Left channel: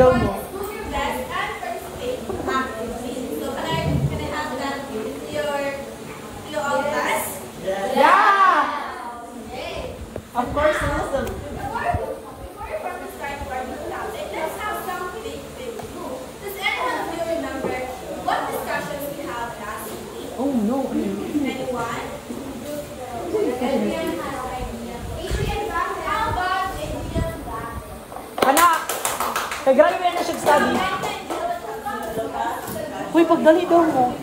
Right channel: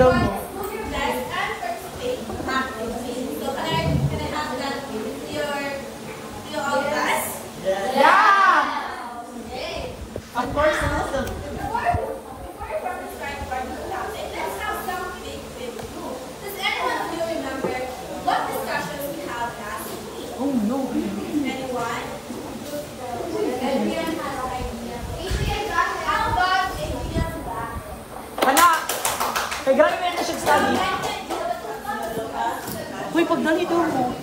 daw mo. Of course, awesome. Oh no. Wala. Kaya grabe na siya sabi. Uy, pagdali daw mo.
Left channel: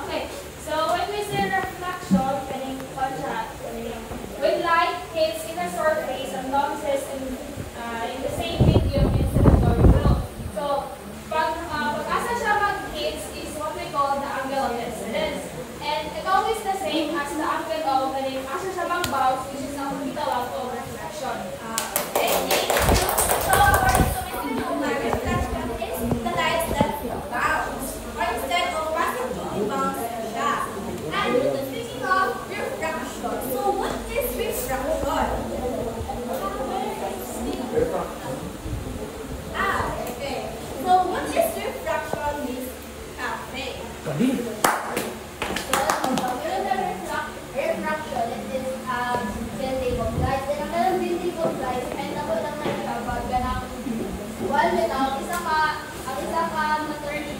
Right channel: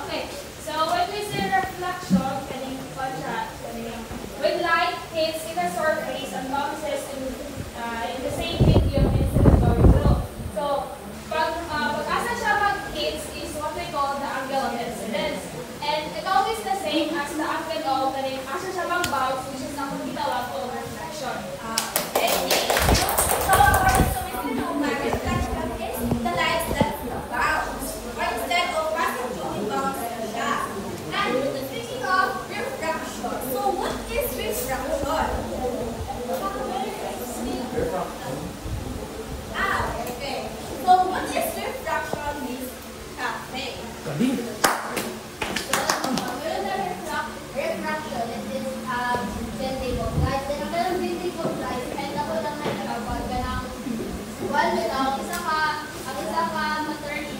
Okay, so when we say reflection, when light hits in a surface and bounces in the same medium instead of the so pag asa siya mag-hits is what we call the angle of incidence. And it's always the same as the angle of asa siya mag-bounce, which is not the law of reflection. Okay? So according to what you know, reflection is the light that bounce. Or instead of bounce siya. And speaking of refraction, so what is refraction? Okay. So what is refraction means? Cafe. Refraction is bending of light. Then ang bending of light, and ako lang nagkakabag ng wall nito. Ang isa ka maternity.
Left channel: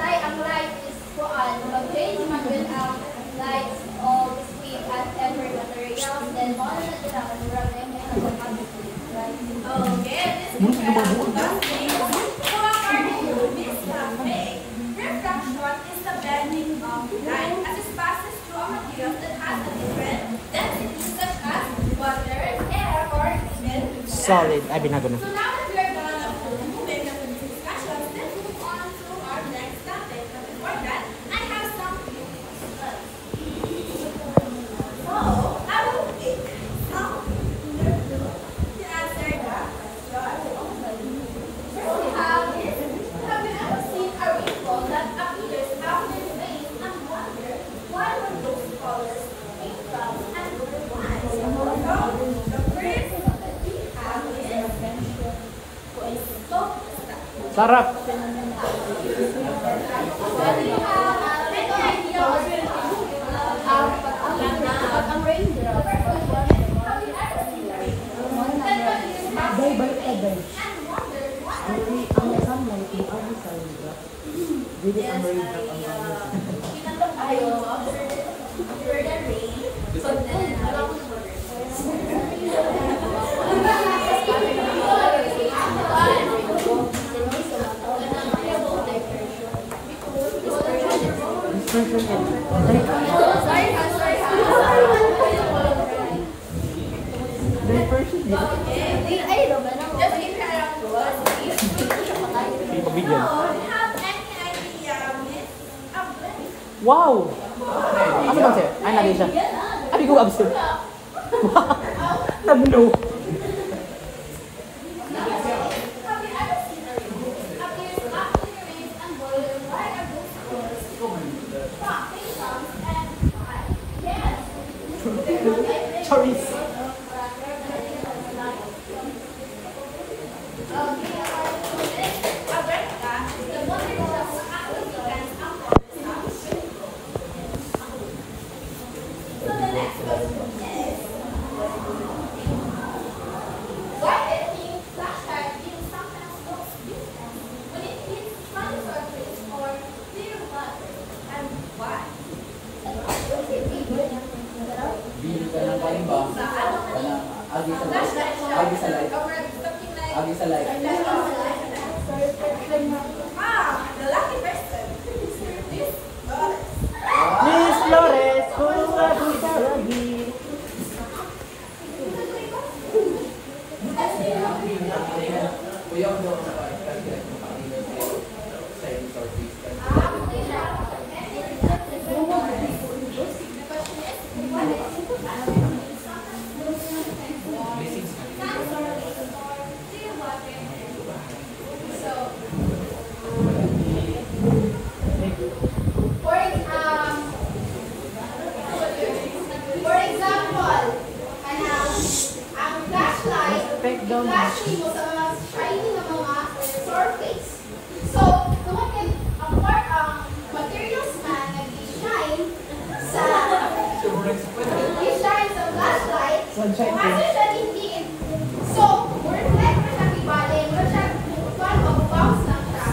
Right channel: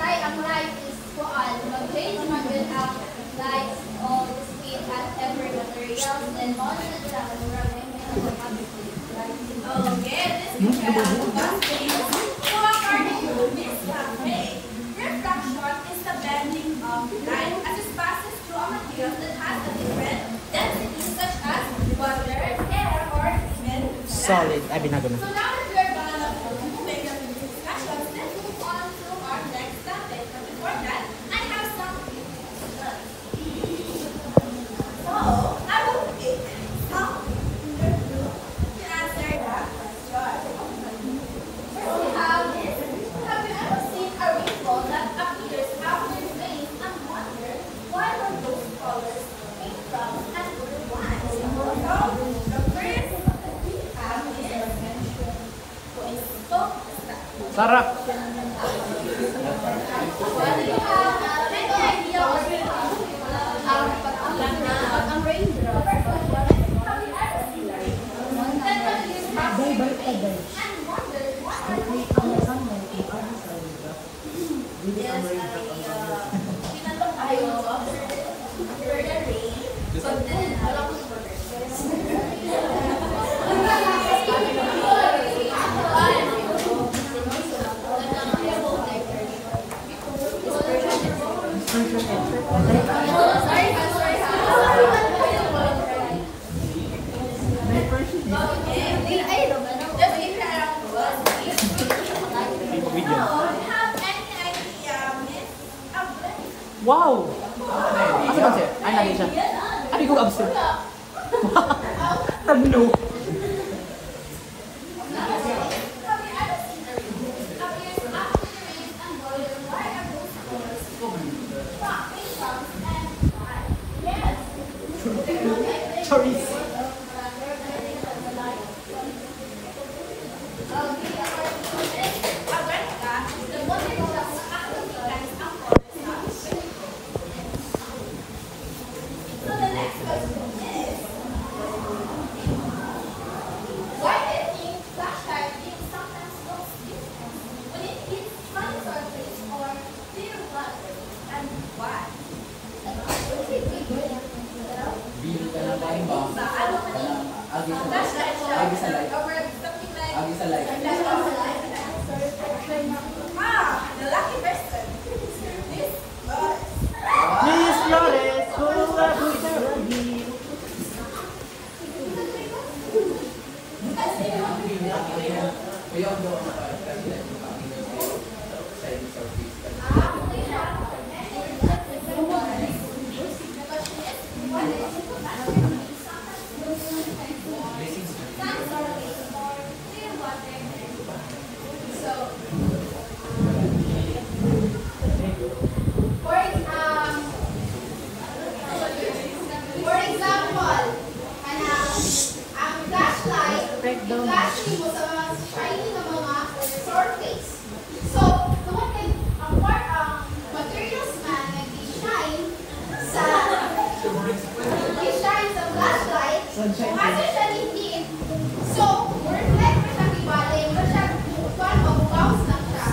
Ang light is kuan. Mag-change naman din ang light of speed at every material. Then all na sila mag-run. Okay, this is so according to Miss Cafe, refraction is the bending of light as it passes through a material that has a different density such as water, air, or even solid. I've been having So now that we are gonna make the discussion, let's move on to our next topic. But before that, I have some So I will pick some to answer the question. First we have this. Have you ever seen a rainbow that appears after the rain and wonder why were those colors pink, brown, and blue ones? So the first we have is sarap. Whether you have any idea or ang rainbow. Wow! Ano ba siya? Ay, nagay siya. Ay, ko abso. Nablo. Choris. The lucky person. Miss Flores, For example, ang flashlight, flashing mo sa mga shiny na mga surface. So, ang part ang materials man nag-shine sa flashlight, kasi siya hindi. So, reflect mo siya di bali, mo siya mag-bounce lang siya.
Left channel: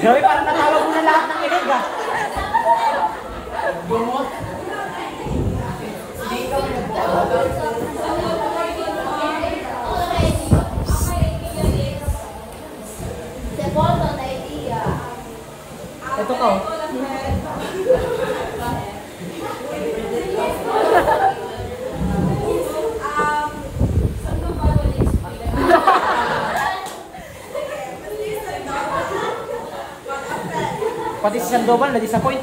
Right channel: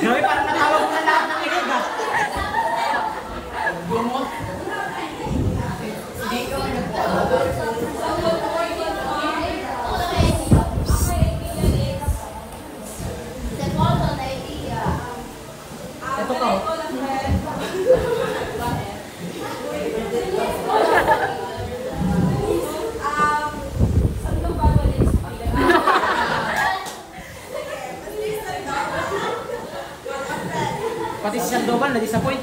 Grabe, parang natawag na lahat ng ilig ah. Bumot. Hindi ikaw nagtawag. Ito ko. Pati si Sandoval na-disappoint.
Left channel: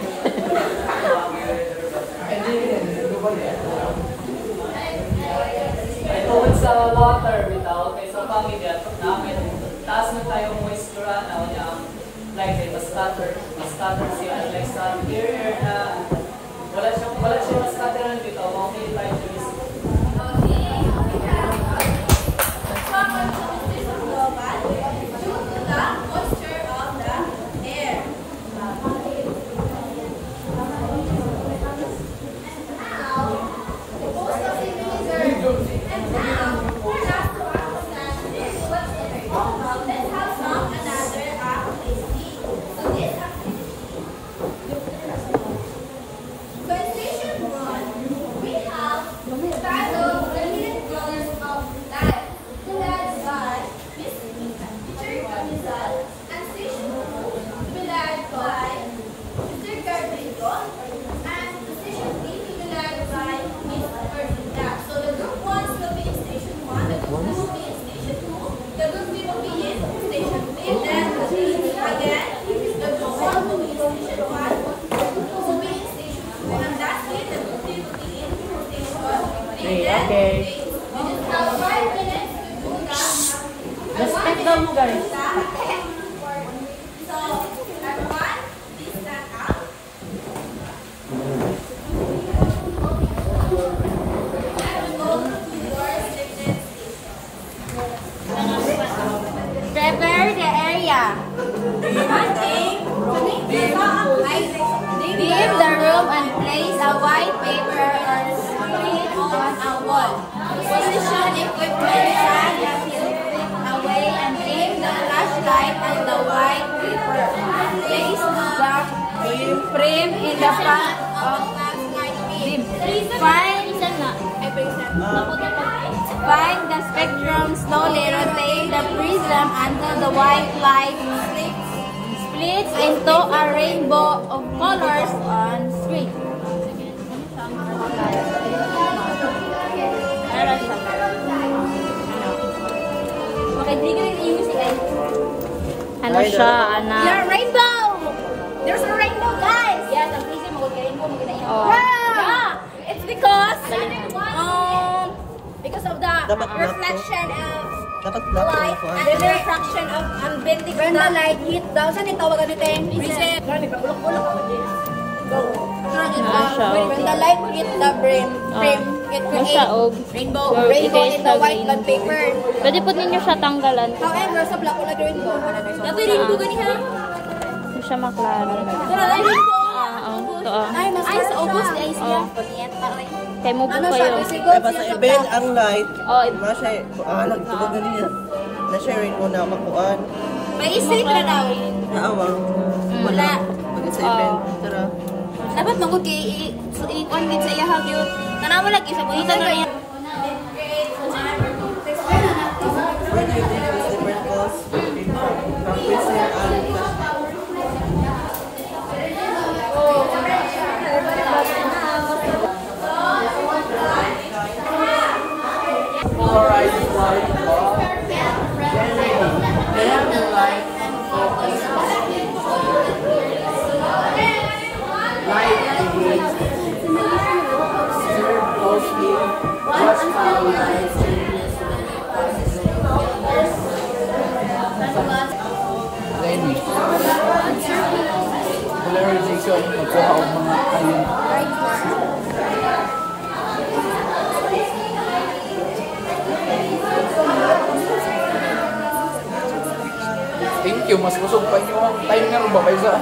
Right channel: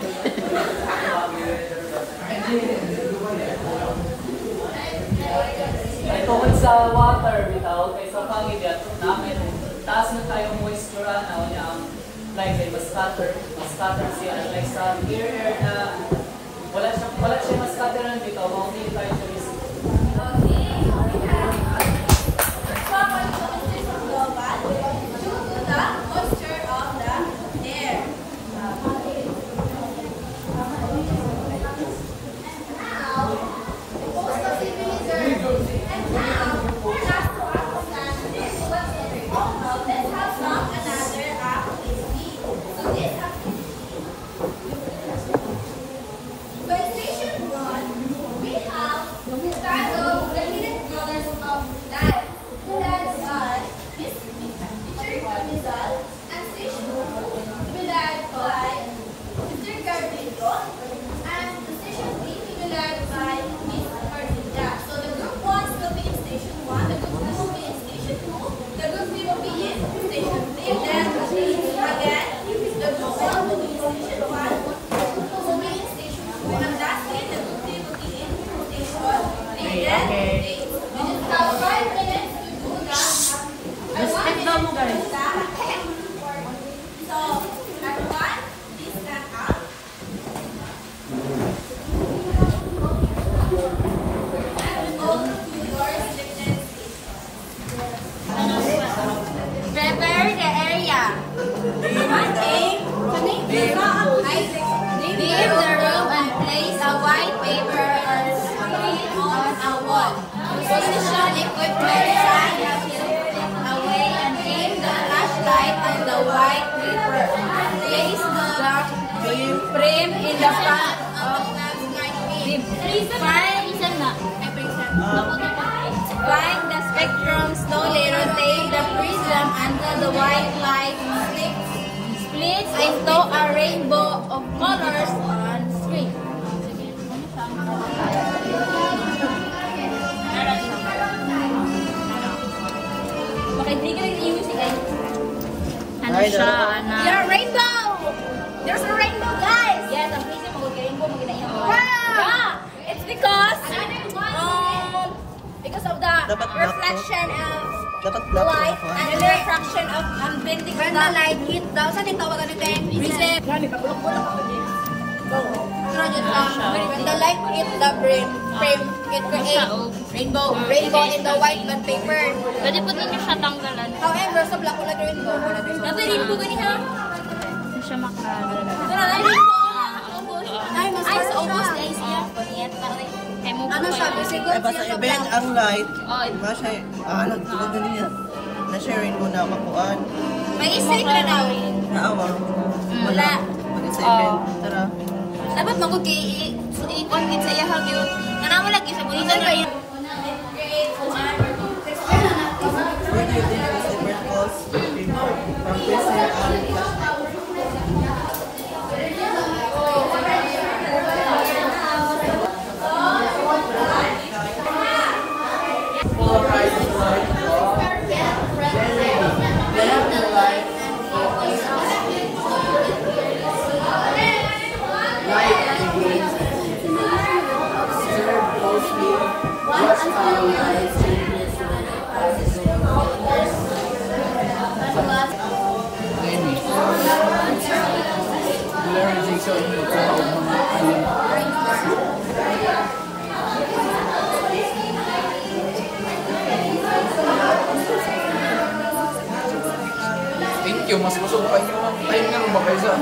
Ay tungkol sa water bitaw kay sa pamilya namin taas na tayo moisture na niya like mas stutter siya like sa interior na wala siya mas stutter na dito mo may try to is Prepare the area. Give the room and place a white paper or screen on a wall. Position equipment stand a few feet away and aim the flashlight at the white paper. Place the frame in the front of find the spectrum, slowly rotate the prism until the white light splits into a rainbow of colors on screen. Ano siya, anak? There's a rainbow! There's a rainbow, guys! Yeah, the prism will get rainbow. Oh. Yeah! Dapat black to. reflection of Dapat black to light ako. and the refraction of unbending when the light hit daw. Saan yung tawagan dito yung prism? When the light hit the frame, it creates rainbow in the white bond paper. Pwede po ninyo siya tanggalan. However, sa black wala rainbow. Dapat rainbow ganito. Hindi siya maklaro. Ay, sa August ay siya. Kaya mo po Ano kayo. sabi? Si Gold Basta siya iba yung ang light. Oh, Masya, nagtulog na niya. Na-share mo na makuhaan. May isip na daw. Naawang. Wala. Mag-assignment. Tara. Dapat magod kay i-on gid sa iya hagyo. Tanaw lagi sa buhitan na yan. Where do you think this overdose came from prison and flashlight? Thank you, mas gusto ko pa yung time nga ba kayo sa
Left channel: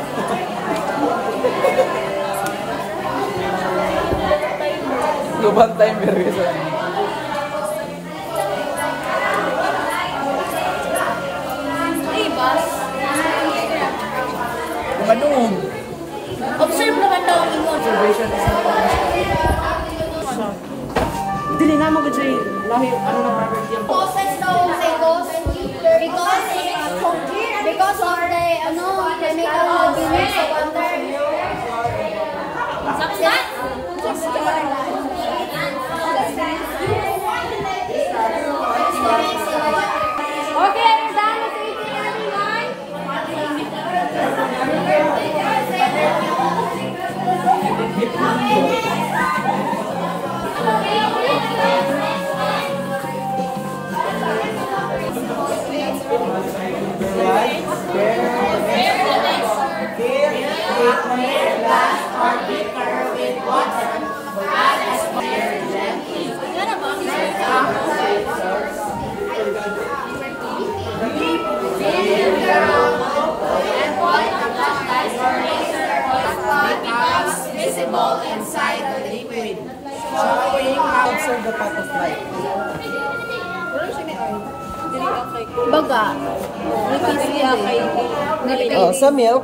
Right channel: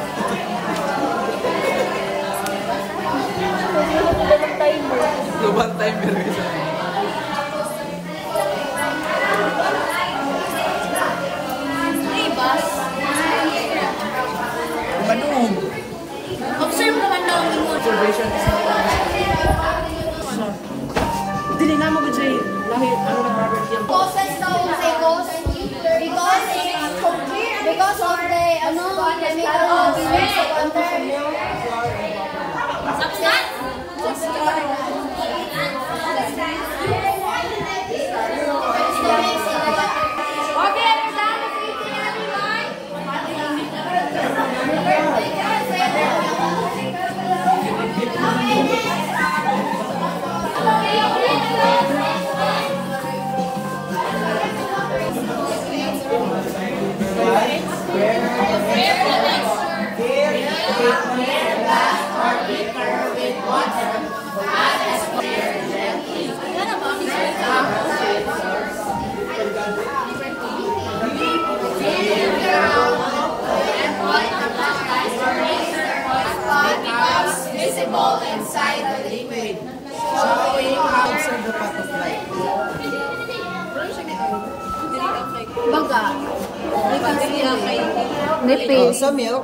lubang time pero sa ano Observe naman daw ang imo. observation is not dili na mo gud say lahi ano na perfect yan Causes daw say cause because of the chemical release sa water. Okay, done with visible inside the liquid. Showing how to observe the path of light. Baga. Oh, sa milk.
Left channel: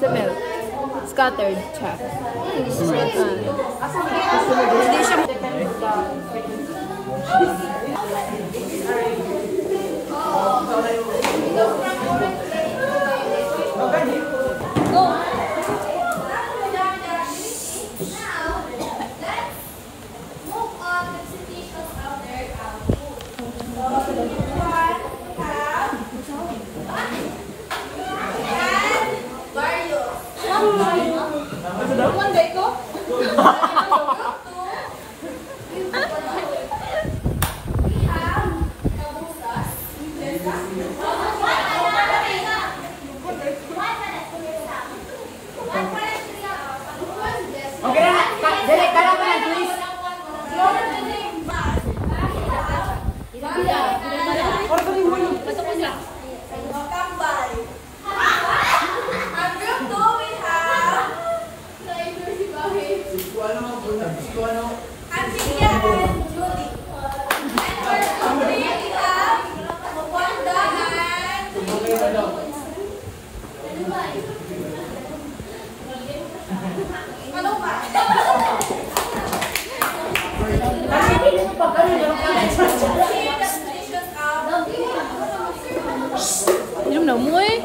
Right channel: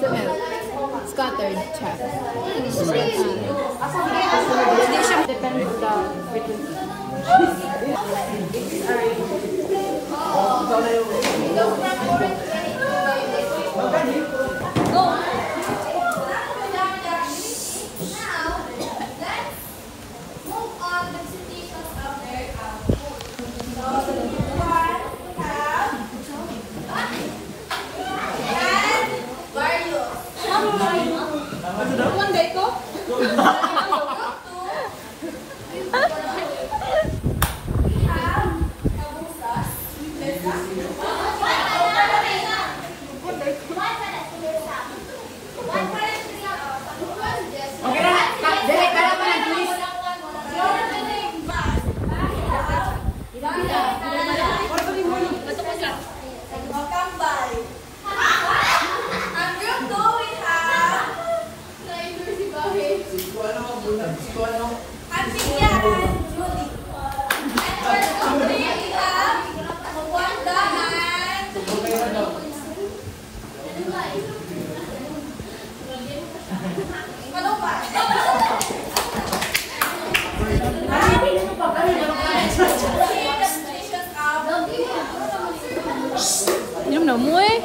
Sa milk. Scattered siya. Yum na mo eh.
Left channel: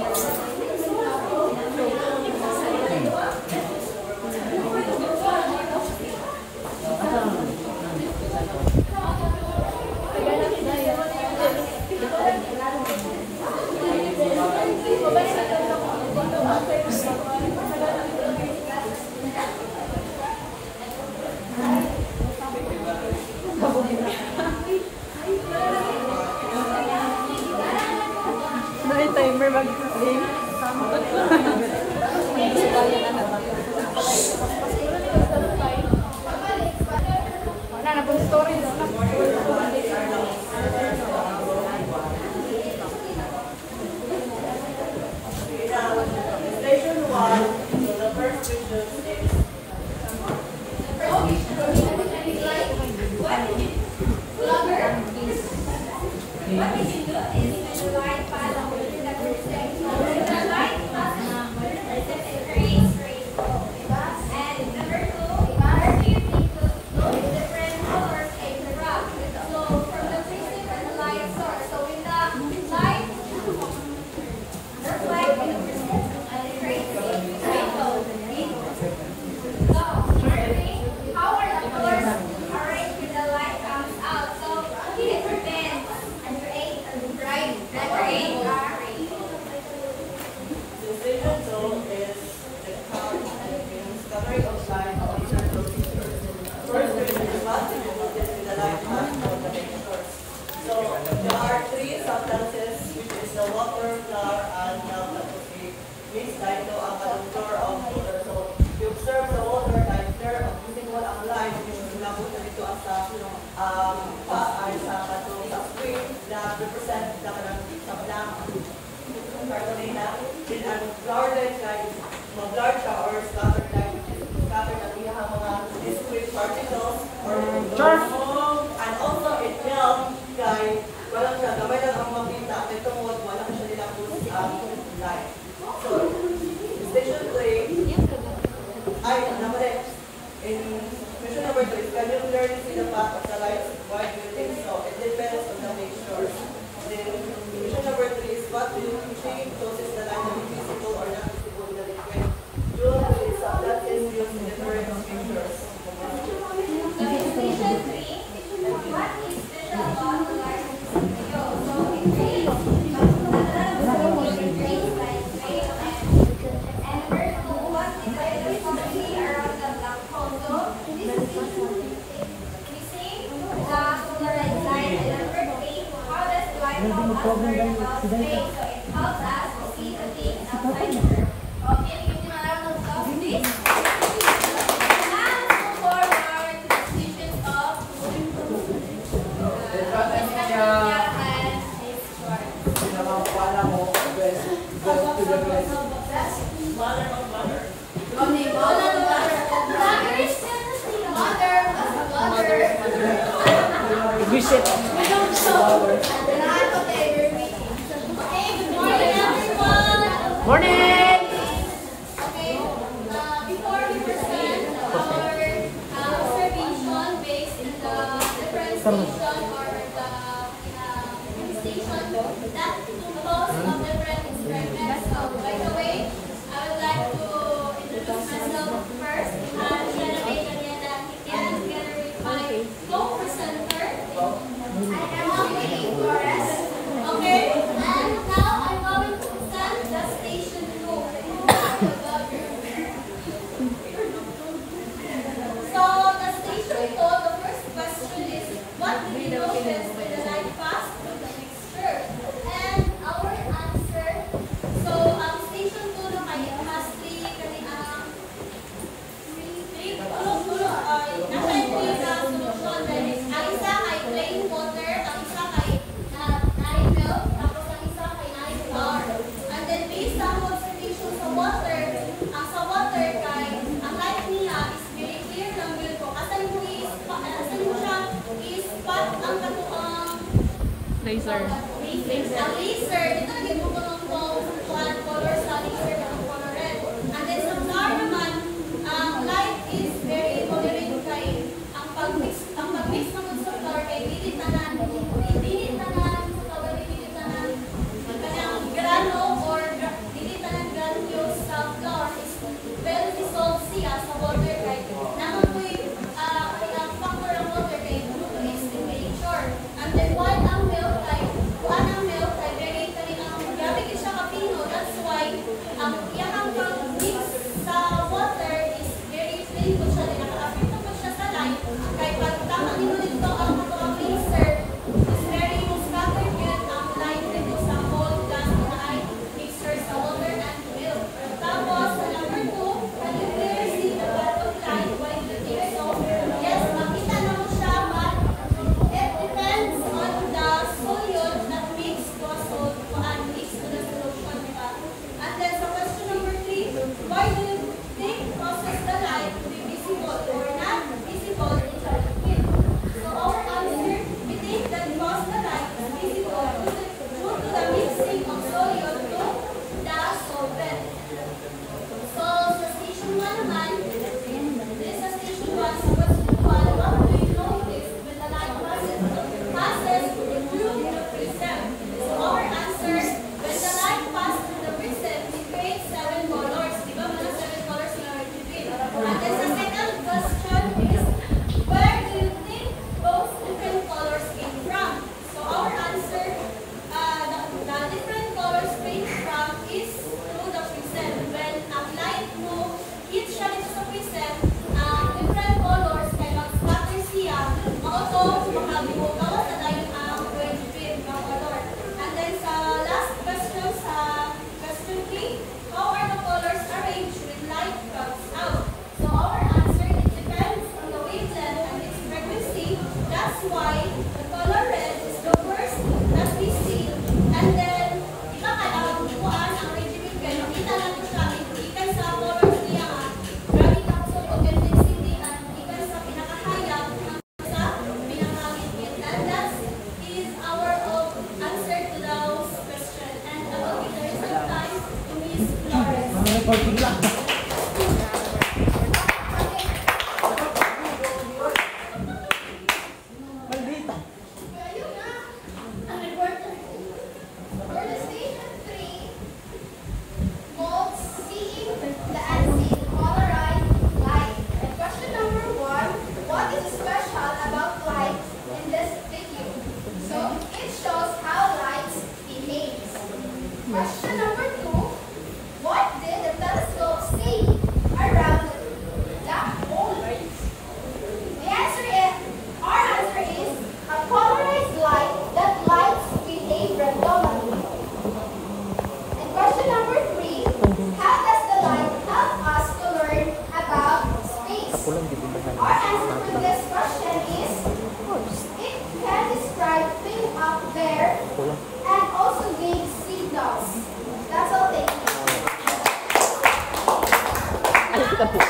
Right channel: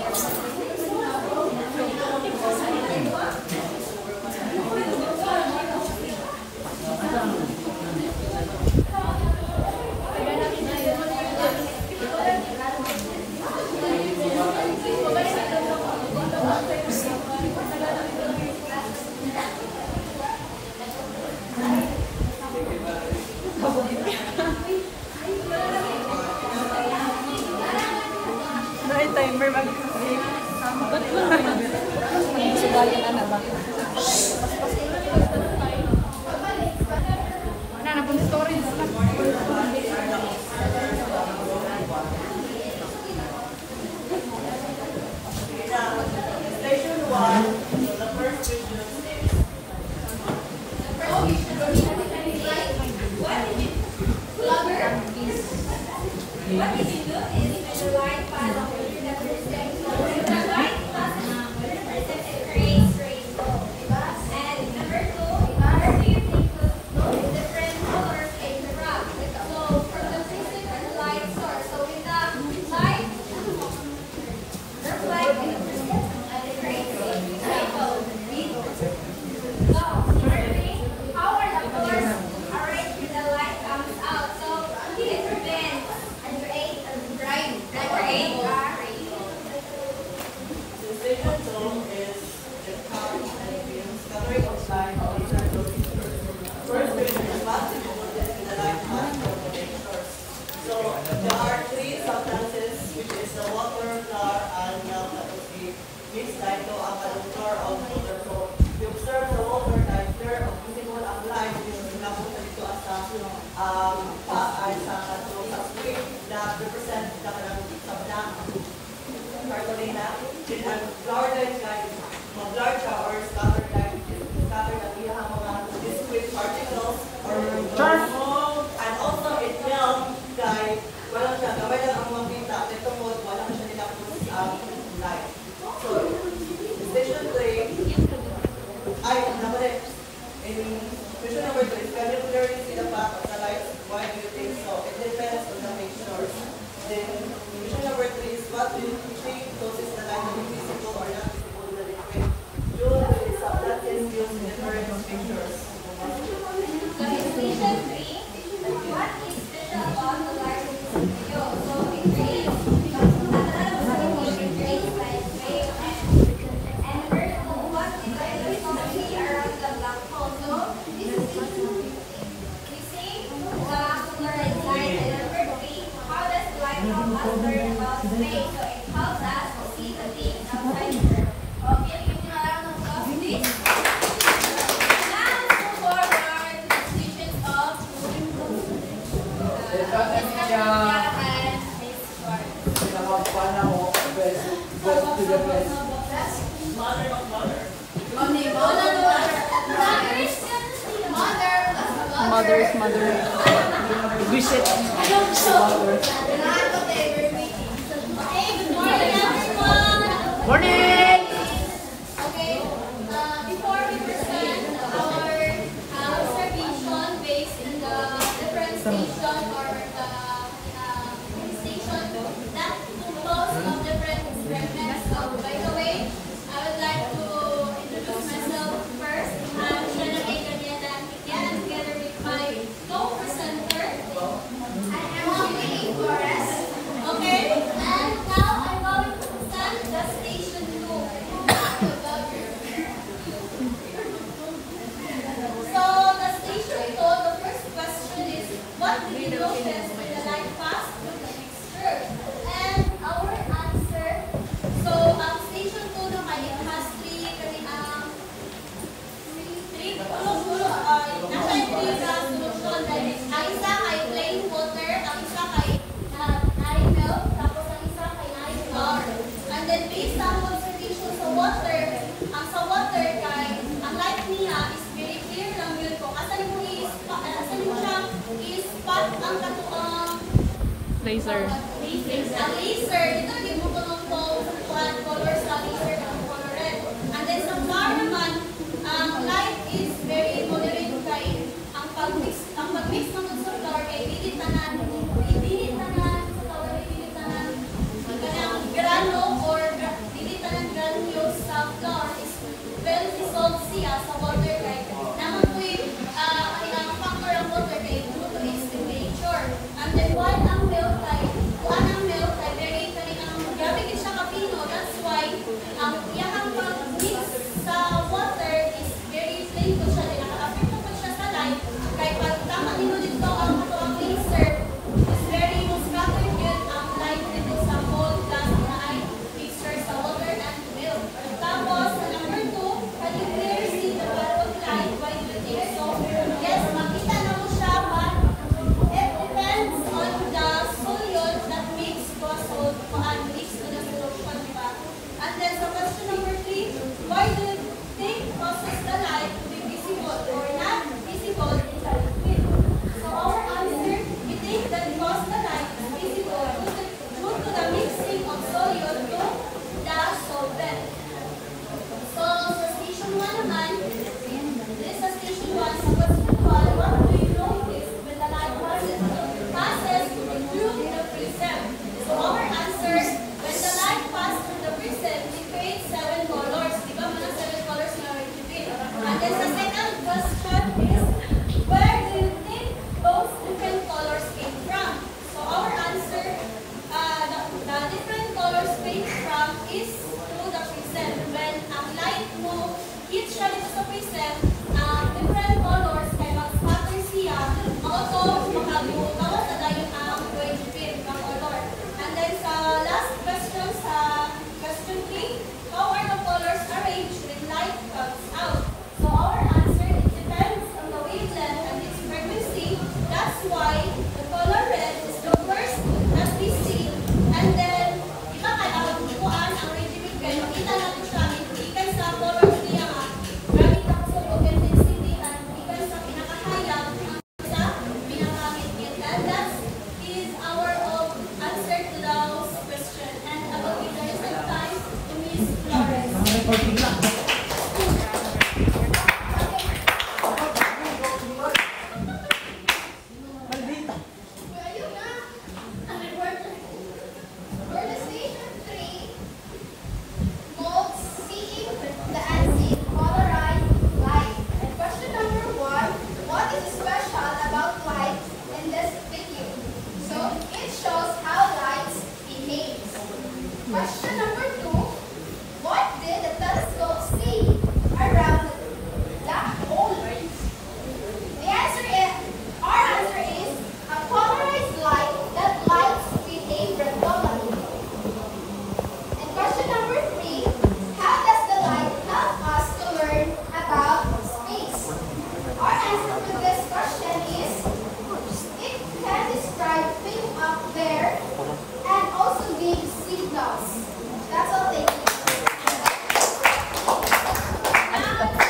never mag-play. Station 1, the first vision is Laser. Ang laser, ito naging buto ng colors sa laser ng color red. And then sa flower naman, ang light is very moderate kay ang pag-mix naman sa flower kay pilit tanan sa flower kay pilit tanan. Kanyang grano or pilit tanan granules sa flower is well dissolved siya sa water kay naman po ang factor ng water kay due to its temperature. And then while ang milk type very grabe siya kapino. That's why ang iyang pag-mix sa water is very plain ko siya. Naka-affect naman siya sa light. Kaya pag tama nito dito ang laser is very scattered yun ang light dito sa whole dance na ay why the color red is the first that we see. And then, ika ka nakagpuan ang regiment kayo. Kita na ito siya. Ikan sa color siya nga. Marami na ko sa convincing ikan sa pinakahayang sa pinakangit. And that is our answer to those questions. And I will give the rest of time to Miss Flores. Question number 2. What did the telescope see around the black hole? Our answer is a polarized light that lights behave randomly. And question number 3. How does the light help us to learn about space? Our answer for this question is it can describe things up there and also give signals. That's all. Thank you.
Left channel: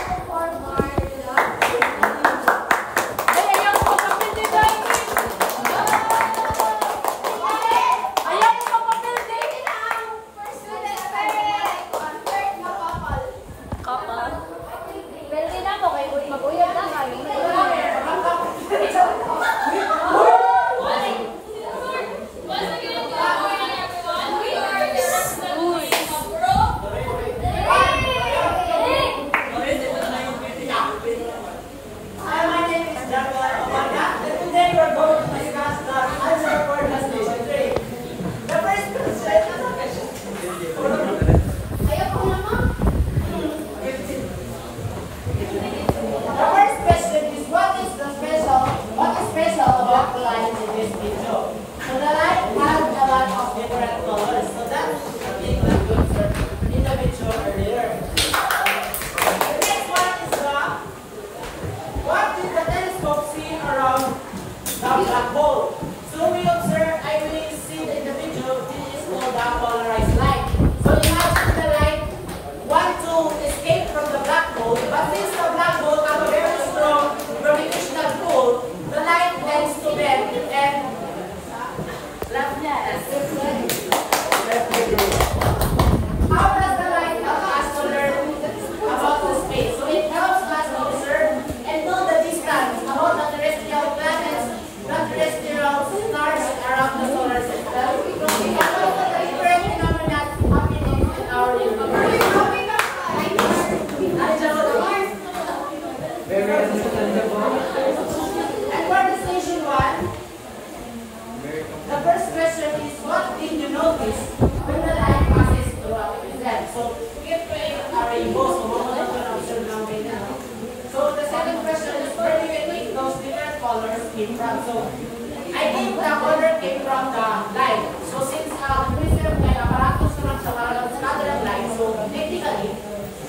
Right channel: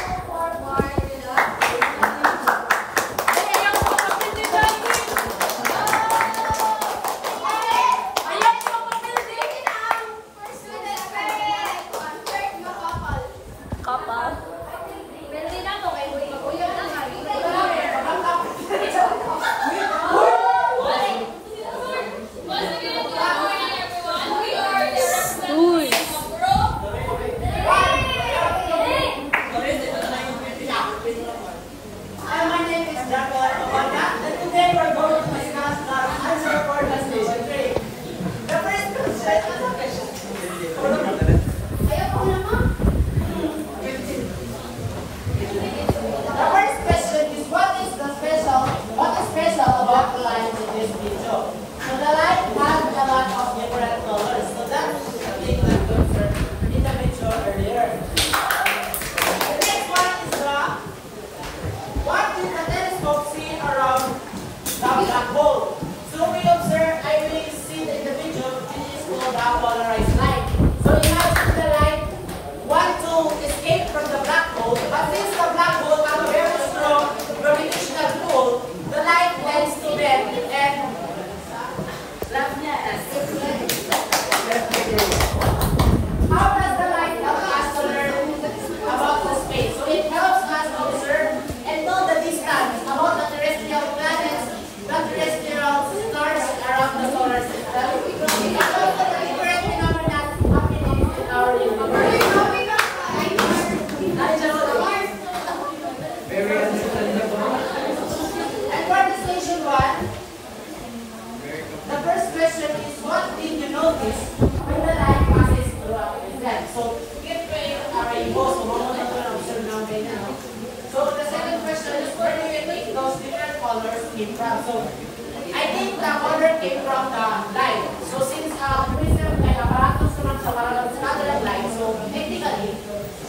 Polarized light. So you have the light want to escape from the black hole, but since the black hole has a very strong gravitational pull, the light tends to bend and how does the light help us to learn about the space? So it helps us to observe and know the distance about the terrestrial planets, the terrestrial stars around the solar system. It allows the different phenomena happening in our universe. And for the station 1, the first question is, what did you notice when the light passes through a prism? So, get ready to rainbow. So, so, the second question is, where do you think those different colors came from? So, I think the color came from the light. So, since prism may aparatus naman sa parang scatter ng light, so technically,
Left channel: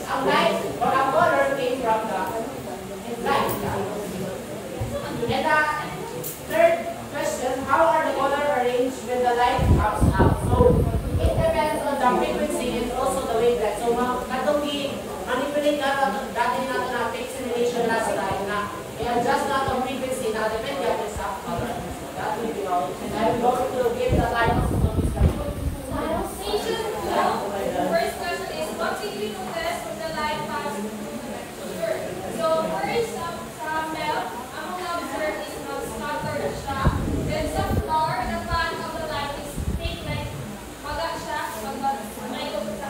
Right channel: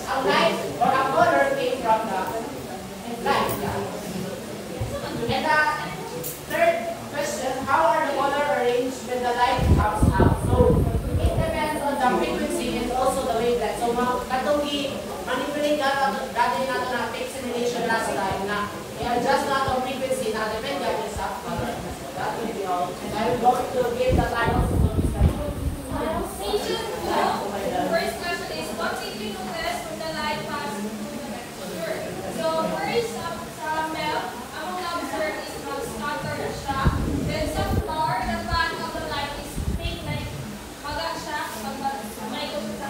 a light or a color came from the light. And the third question, how are the colors arranged when the light comes out? So, it depends on the frequency and also the wavelength. So, katong manipulate natin na fixed simulation last time na i-adjust natin ang frequency na depende natin sa color. That will be all. And I'm going to give the time to Station 2. The first question is, what did we notice when the light passed through the picture? So, first, sa Mel, ang mga observed is mag-scatter na siya. Then sa floor, the path of the light is straight line. Maga siya, mag-maikot sa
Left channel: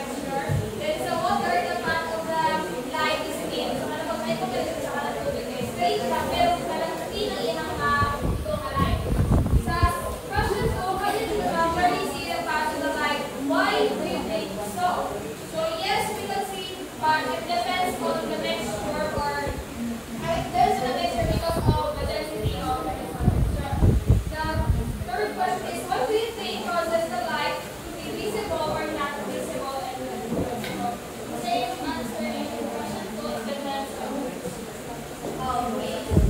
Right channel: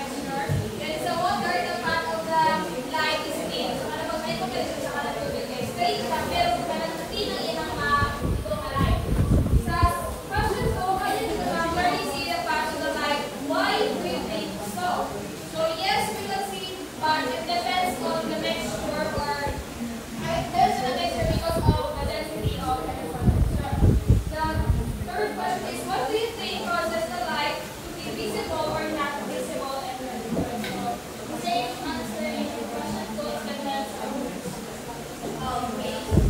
picture. Then sa water, the path of the light is straight. So, mag-maikot sa kanatubig. Straight siya, pero kanatubig na yan ang mga light. Sa question 2, where do you see the path of the light? Why do you think so? So yes, we can see, but it depends on the mixture or there's a mixture because of the density of the mixture. The third question is, what do you think causes the light to be visible or not visible and invisible? The same answer in question 2 depends on radius.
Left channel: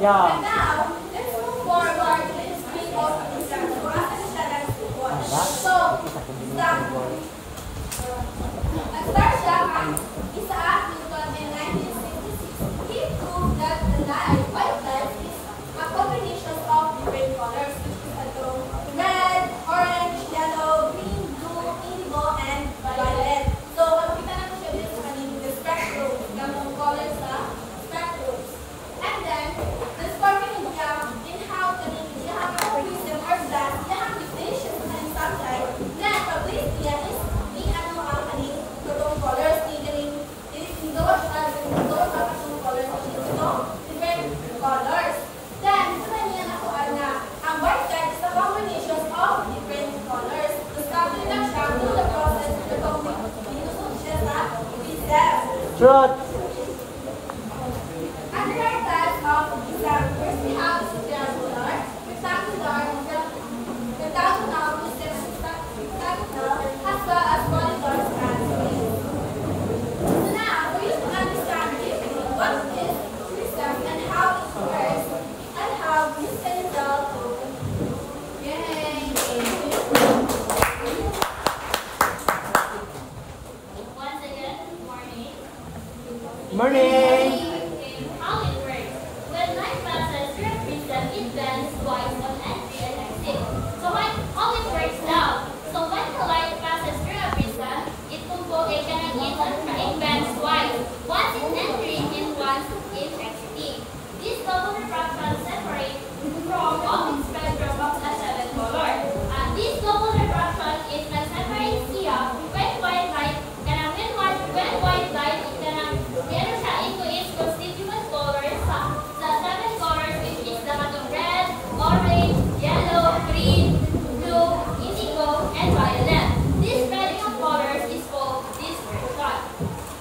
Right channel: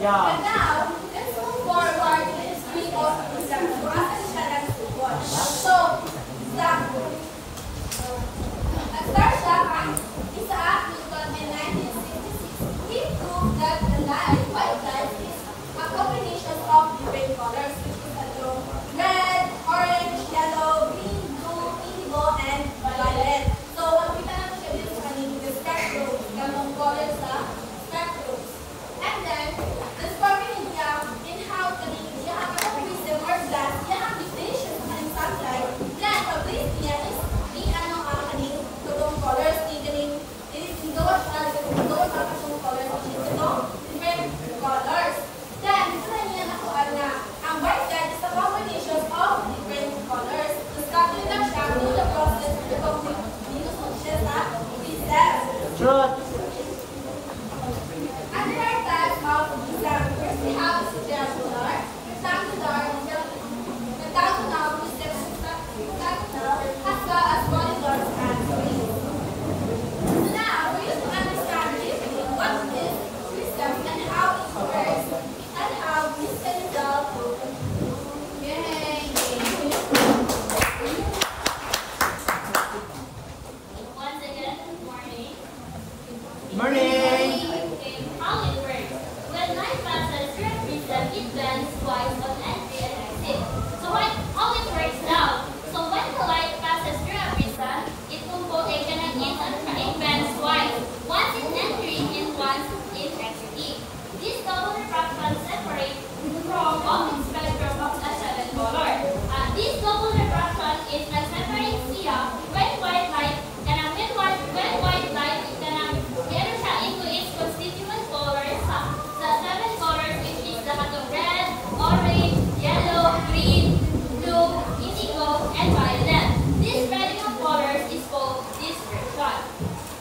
Yeah. And now, let's move forward to the history of Islam. So, Islam. Nag-start siya ang Isaac Newton in 1966. He proved that the light, white light, is a combination of different colors. Red, orange, yellow, green, blue, indigo, and violet. So, makita na po siya dito sa kanina, the spectrum, ng colors sa spectrum. And then, this formula in how to have a prism or glass, they have definition sa kanyang sunlight. Then, pag-place niya is ni ano ang kanyang totoong colors, ni indot ang totoong colors, different colors. Then, sa niya nakuha na ang white light is a combination of different colors. So, sabi lang siya to the process of the combination siya sa prism. Shoot. Other types of Islam, first we have rectangular, rectangular, as well as modular transformation. So now, we need to understand what is Islam and how it works, and how this can develop. Once again, good morning. Morning. How it works. When light passes through a prism, it bends twice on entry and exit. So how it works now. So when the light passes through a prism, it will go in and it bends twice. Once in entering and once in exiting. This double refraction separates from all its spectrum of a seven color. This double refraction is like separating here when white light when white light is meron siya into its constituent colors the seven colors which is the red, orange, yellow, green, blue, indigo, and violet. This spreading of colors is called dispersion.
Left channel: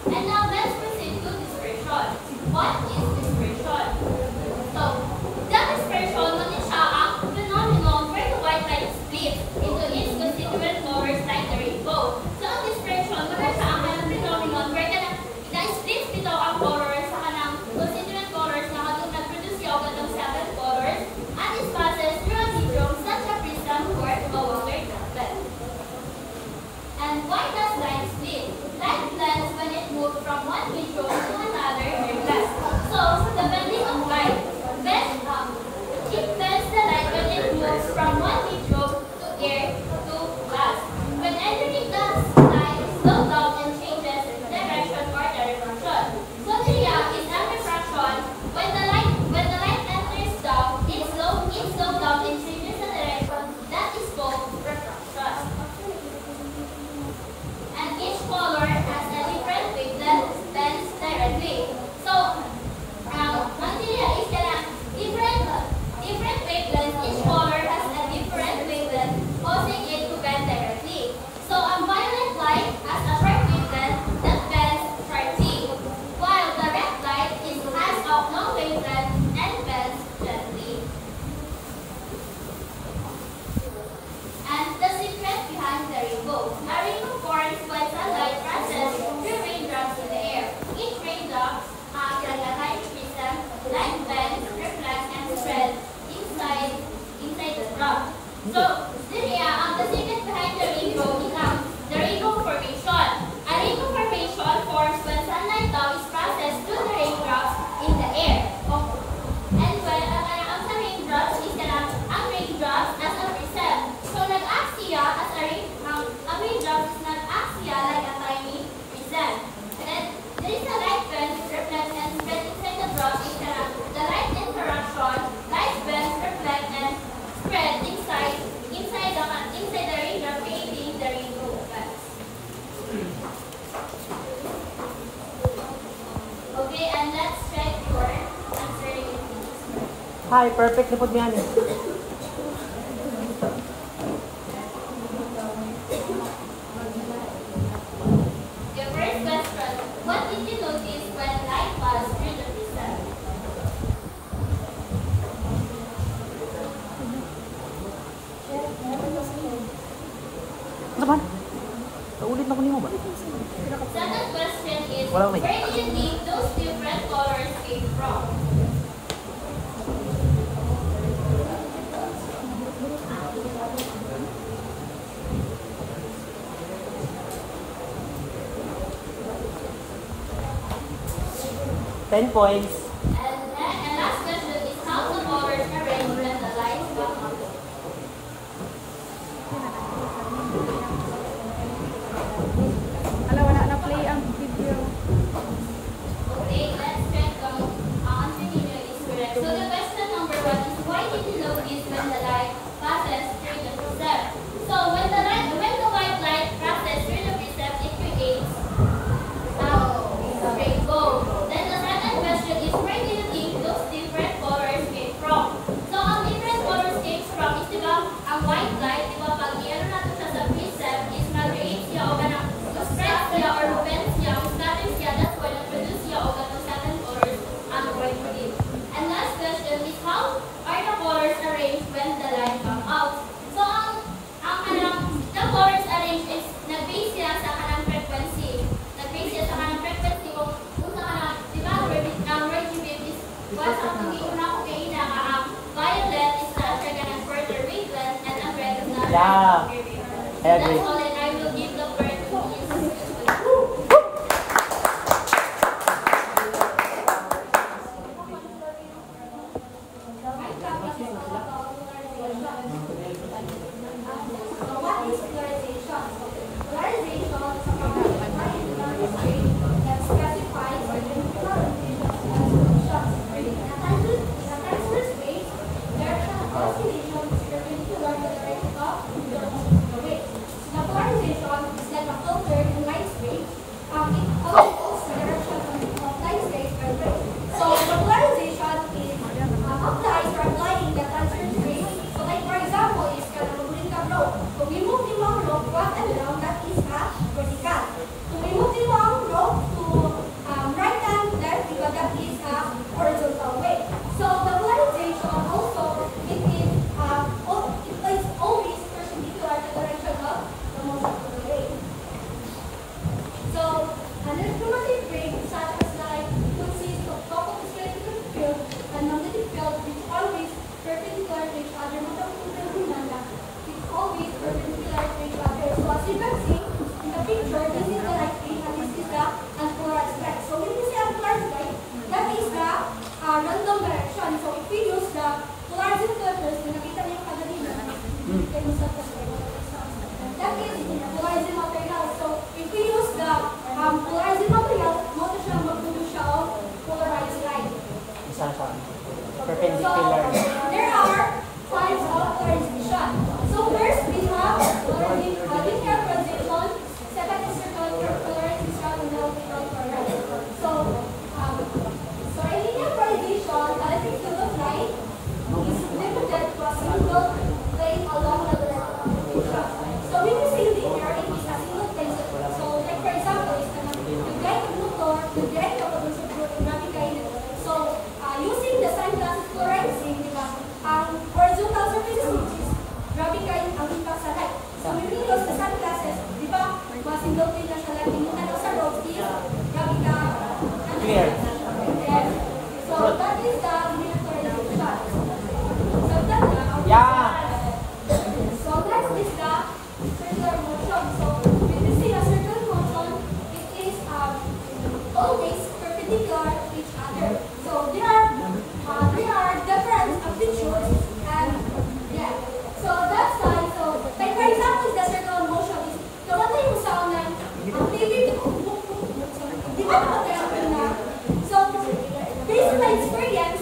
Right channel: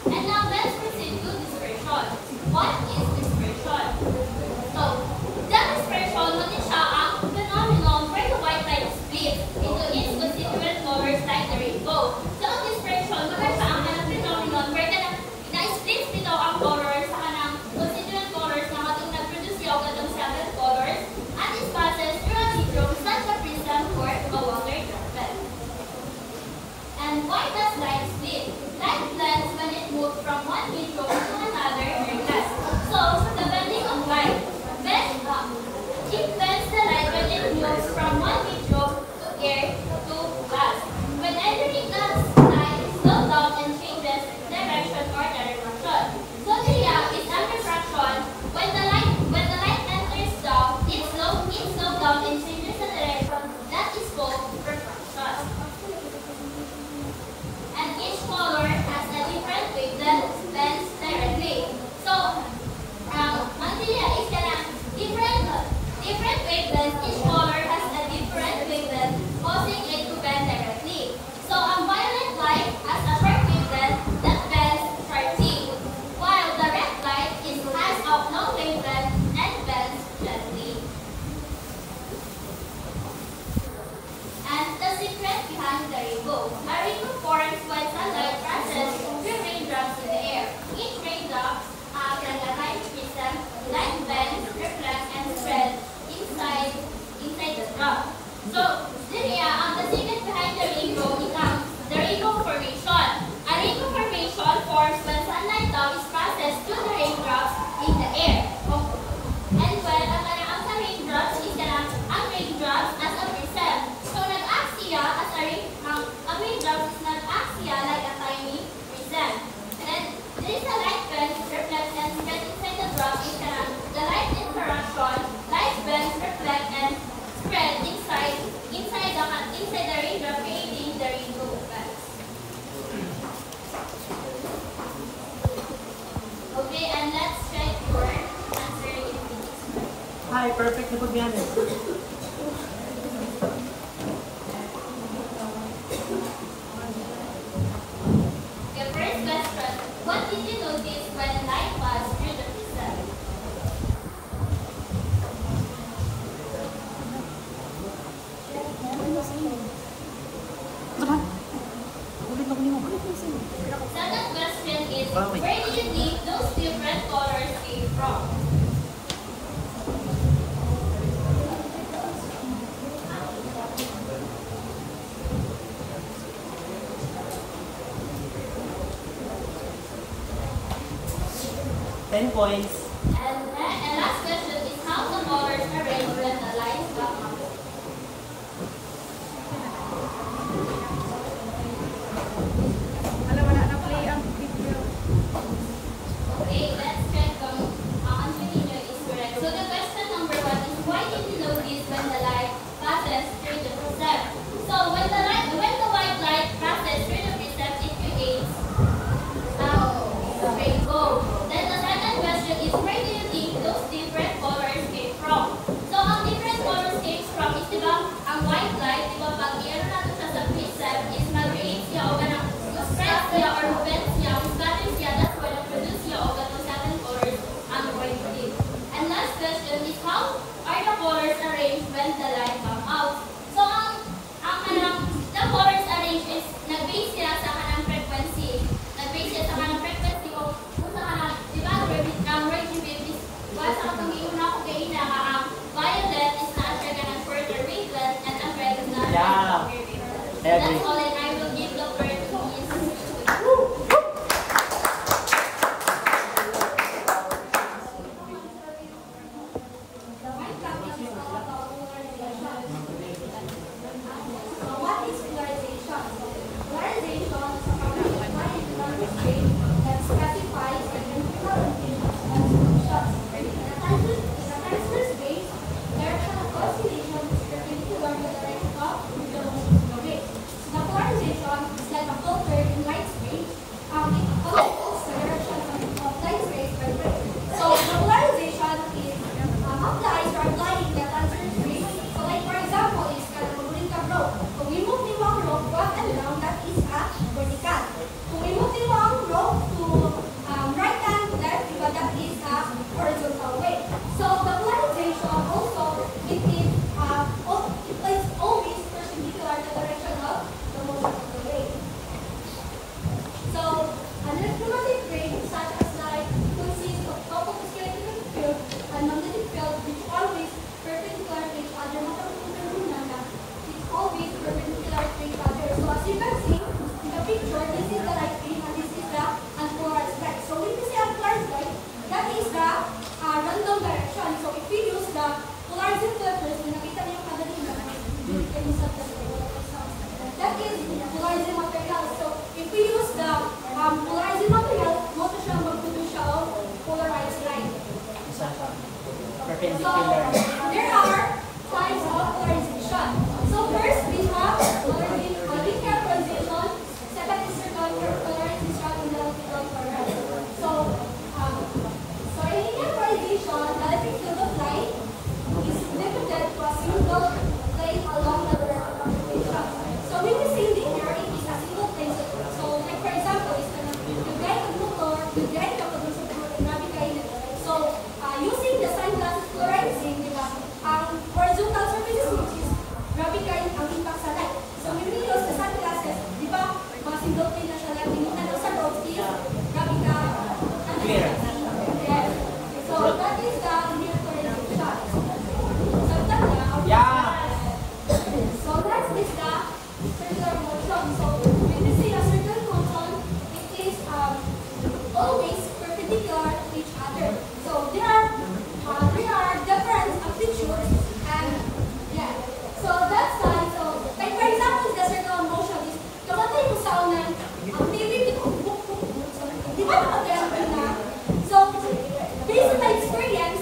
And now let's proceed to dispersion. What is dispersion? So, the dispersion is siya ang phenomenon where the white light splits into its constituent colors like the rainbow. So, ang dispersion, wala siya ang phenomenon where na-split dito ang colors sa kanang constituent colors na katong nag-produce yung katong seven colors and it passes through a medium such a prism for a water droplet. And why does light split? Light blends when it moves from one medium to another very fast. So, the bending of light. It bends the light when it moves from one medium to air to glass. When entering the light, slows down and changes direction or direction. So here is a refraction. When the light enters down, it slows down and changes the direction. That is called refraction. And each color has a different wavelength bends directly. So until here is different wavelengths. Each color has a different wavelength, causing it to bend directly. So violet light has a short wavelength that bends sharply, while the red light has a long wavelength and bends gently. And the secret behind the rainbow. A rainbow forms when sunlight passes through raindrops in the air. Each raindrop can align prism, light bends, reflect, and spread inside the drop. So, the secret behind the rainbow is the rainbow formation. A rainbow formation forms when sunlight now is passed through the raindrops in the air. And when ang raindrops is ang raindrops as a prism. So, nag-act siya as ang raindrops is nag-act siya like a tiny prism. And then, there is a light bend, reflect, and spread inside the drop. The light interaction, light bend, reflect, and spread inside the raindrop, creating the rainbow effect. Okay, and let's check your answering it. Hi, perfect na po yan. Okay, first question. What did you notice when light passed through the prism? Second question is, where did you think those different colors came from? 10 points. And last question is how the colors arrange when the lines come up. Okay, let's check on continue is correct. So the question number 1 is why did you notice when the light passes through the precepts? So when the white light passes through the precepts, it creates a rainbow. Then the second question is where do you think those different colors came from? So ang different colors came from is diba ang white light, diba pag meron natin siya sa precept is mag-radiate siya o ganang spread siya or bend siya, scatter siya, that's why nag-produce siya o ganang seven colors ang going to be. And last question is how are the colors arranged when the light come out? So ang kanang the colors arranged is nag-base siya sa kanang frequency. Nag-base siya sa kanang frequency o kung sa kanang, diba, radio wave is what ang tumingin ako kayo na ang violet is not siya kanang further wavelength and ang red is not Yeah. That's all, and I will give the word to Miss. What is polarization? Polarization is a magnetic field that specifies the chemical transverse wave. Direction of oscillation is perpendicular to the direction of the wave. The polarization is like a filter in light wave. It follows the direction of light rays by wave. So the polarization is applies or applying the transverse wave. So like for example, is maguling ka rope. So we move the long rope up and down, that is a vertical. So we move the long rope to right and left because that is a horizontal wave. So the polarization also it is always perpendicular to the direction of the motion of the wave. So an electromagnetic wave such as light consists of coupled electric field and magnetic field which always perpendicular to each other. It's always perpendicular to each other. So as you can see in the picture, this is the light wave and this is the unpolarized light. So when we say unpolarized light, that is the random direction. So if we use the polarizing filters, nakita niyo kanina that is polarizing material. So if we use the polarizing material, mo siya mag-produce siya of polarized light. So Perpendicular. there are types of polarization. So first we have linear polarization, second is circular polarization, and then optical polarization. So in linear polarization, the electric field of light is limited to a single plane along the direction. So when we say linear, it is a single plane. So like for example, it's gonna be the guide of motor, the guide of navigate. So using the sunglasses polarizing, diba, ang horizontal surface which is gravity ang impact sa light. So when we use the sunglasses, diba, mga single plane na siya light, tingnan sa loob is gravity and yes. So that is the linear polarization. So that now, so next is the circular motion. So when we see a circular motion, it is always perpendicular to each other. So there are different amplitudes and yeah. So that's why. So like for example, the circular motion is kapag yung sound ang TV di ba nakatayang na? So based on my experience,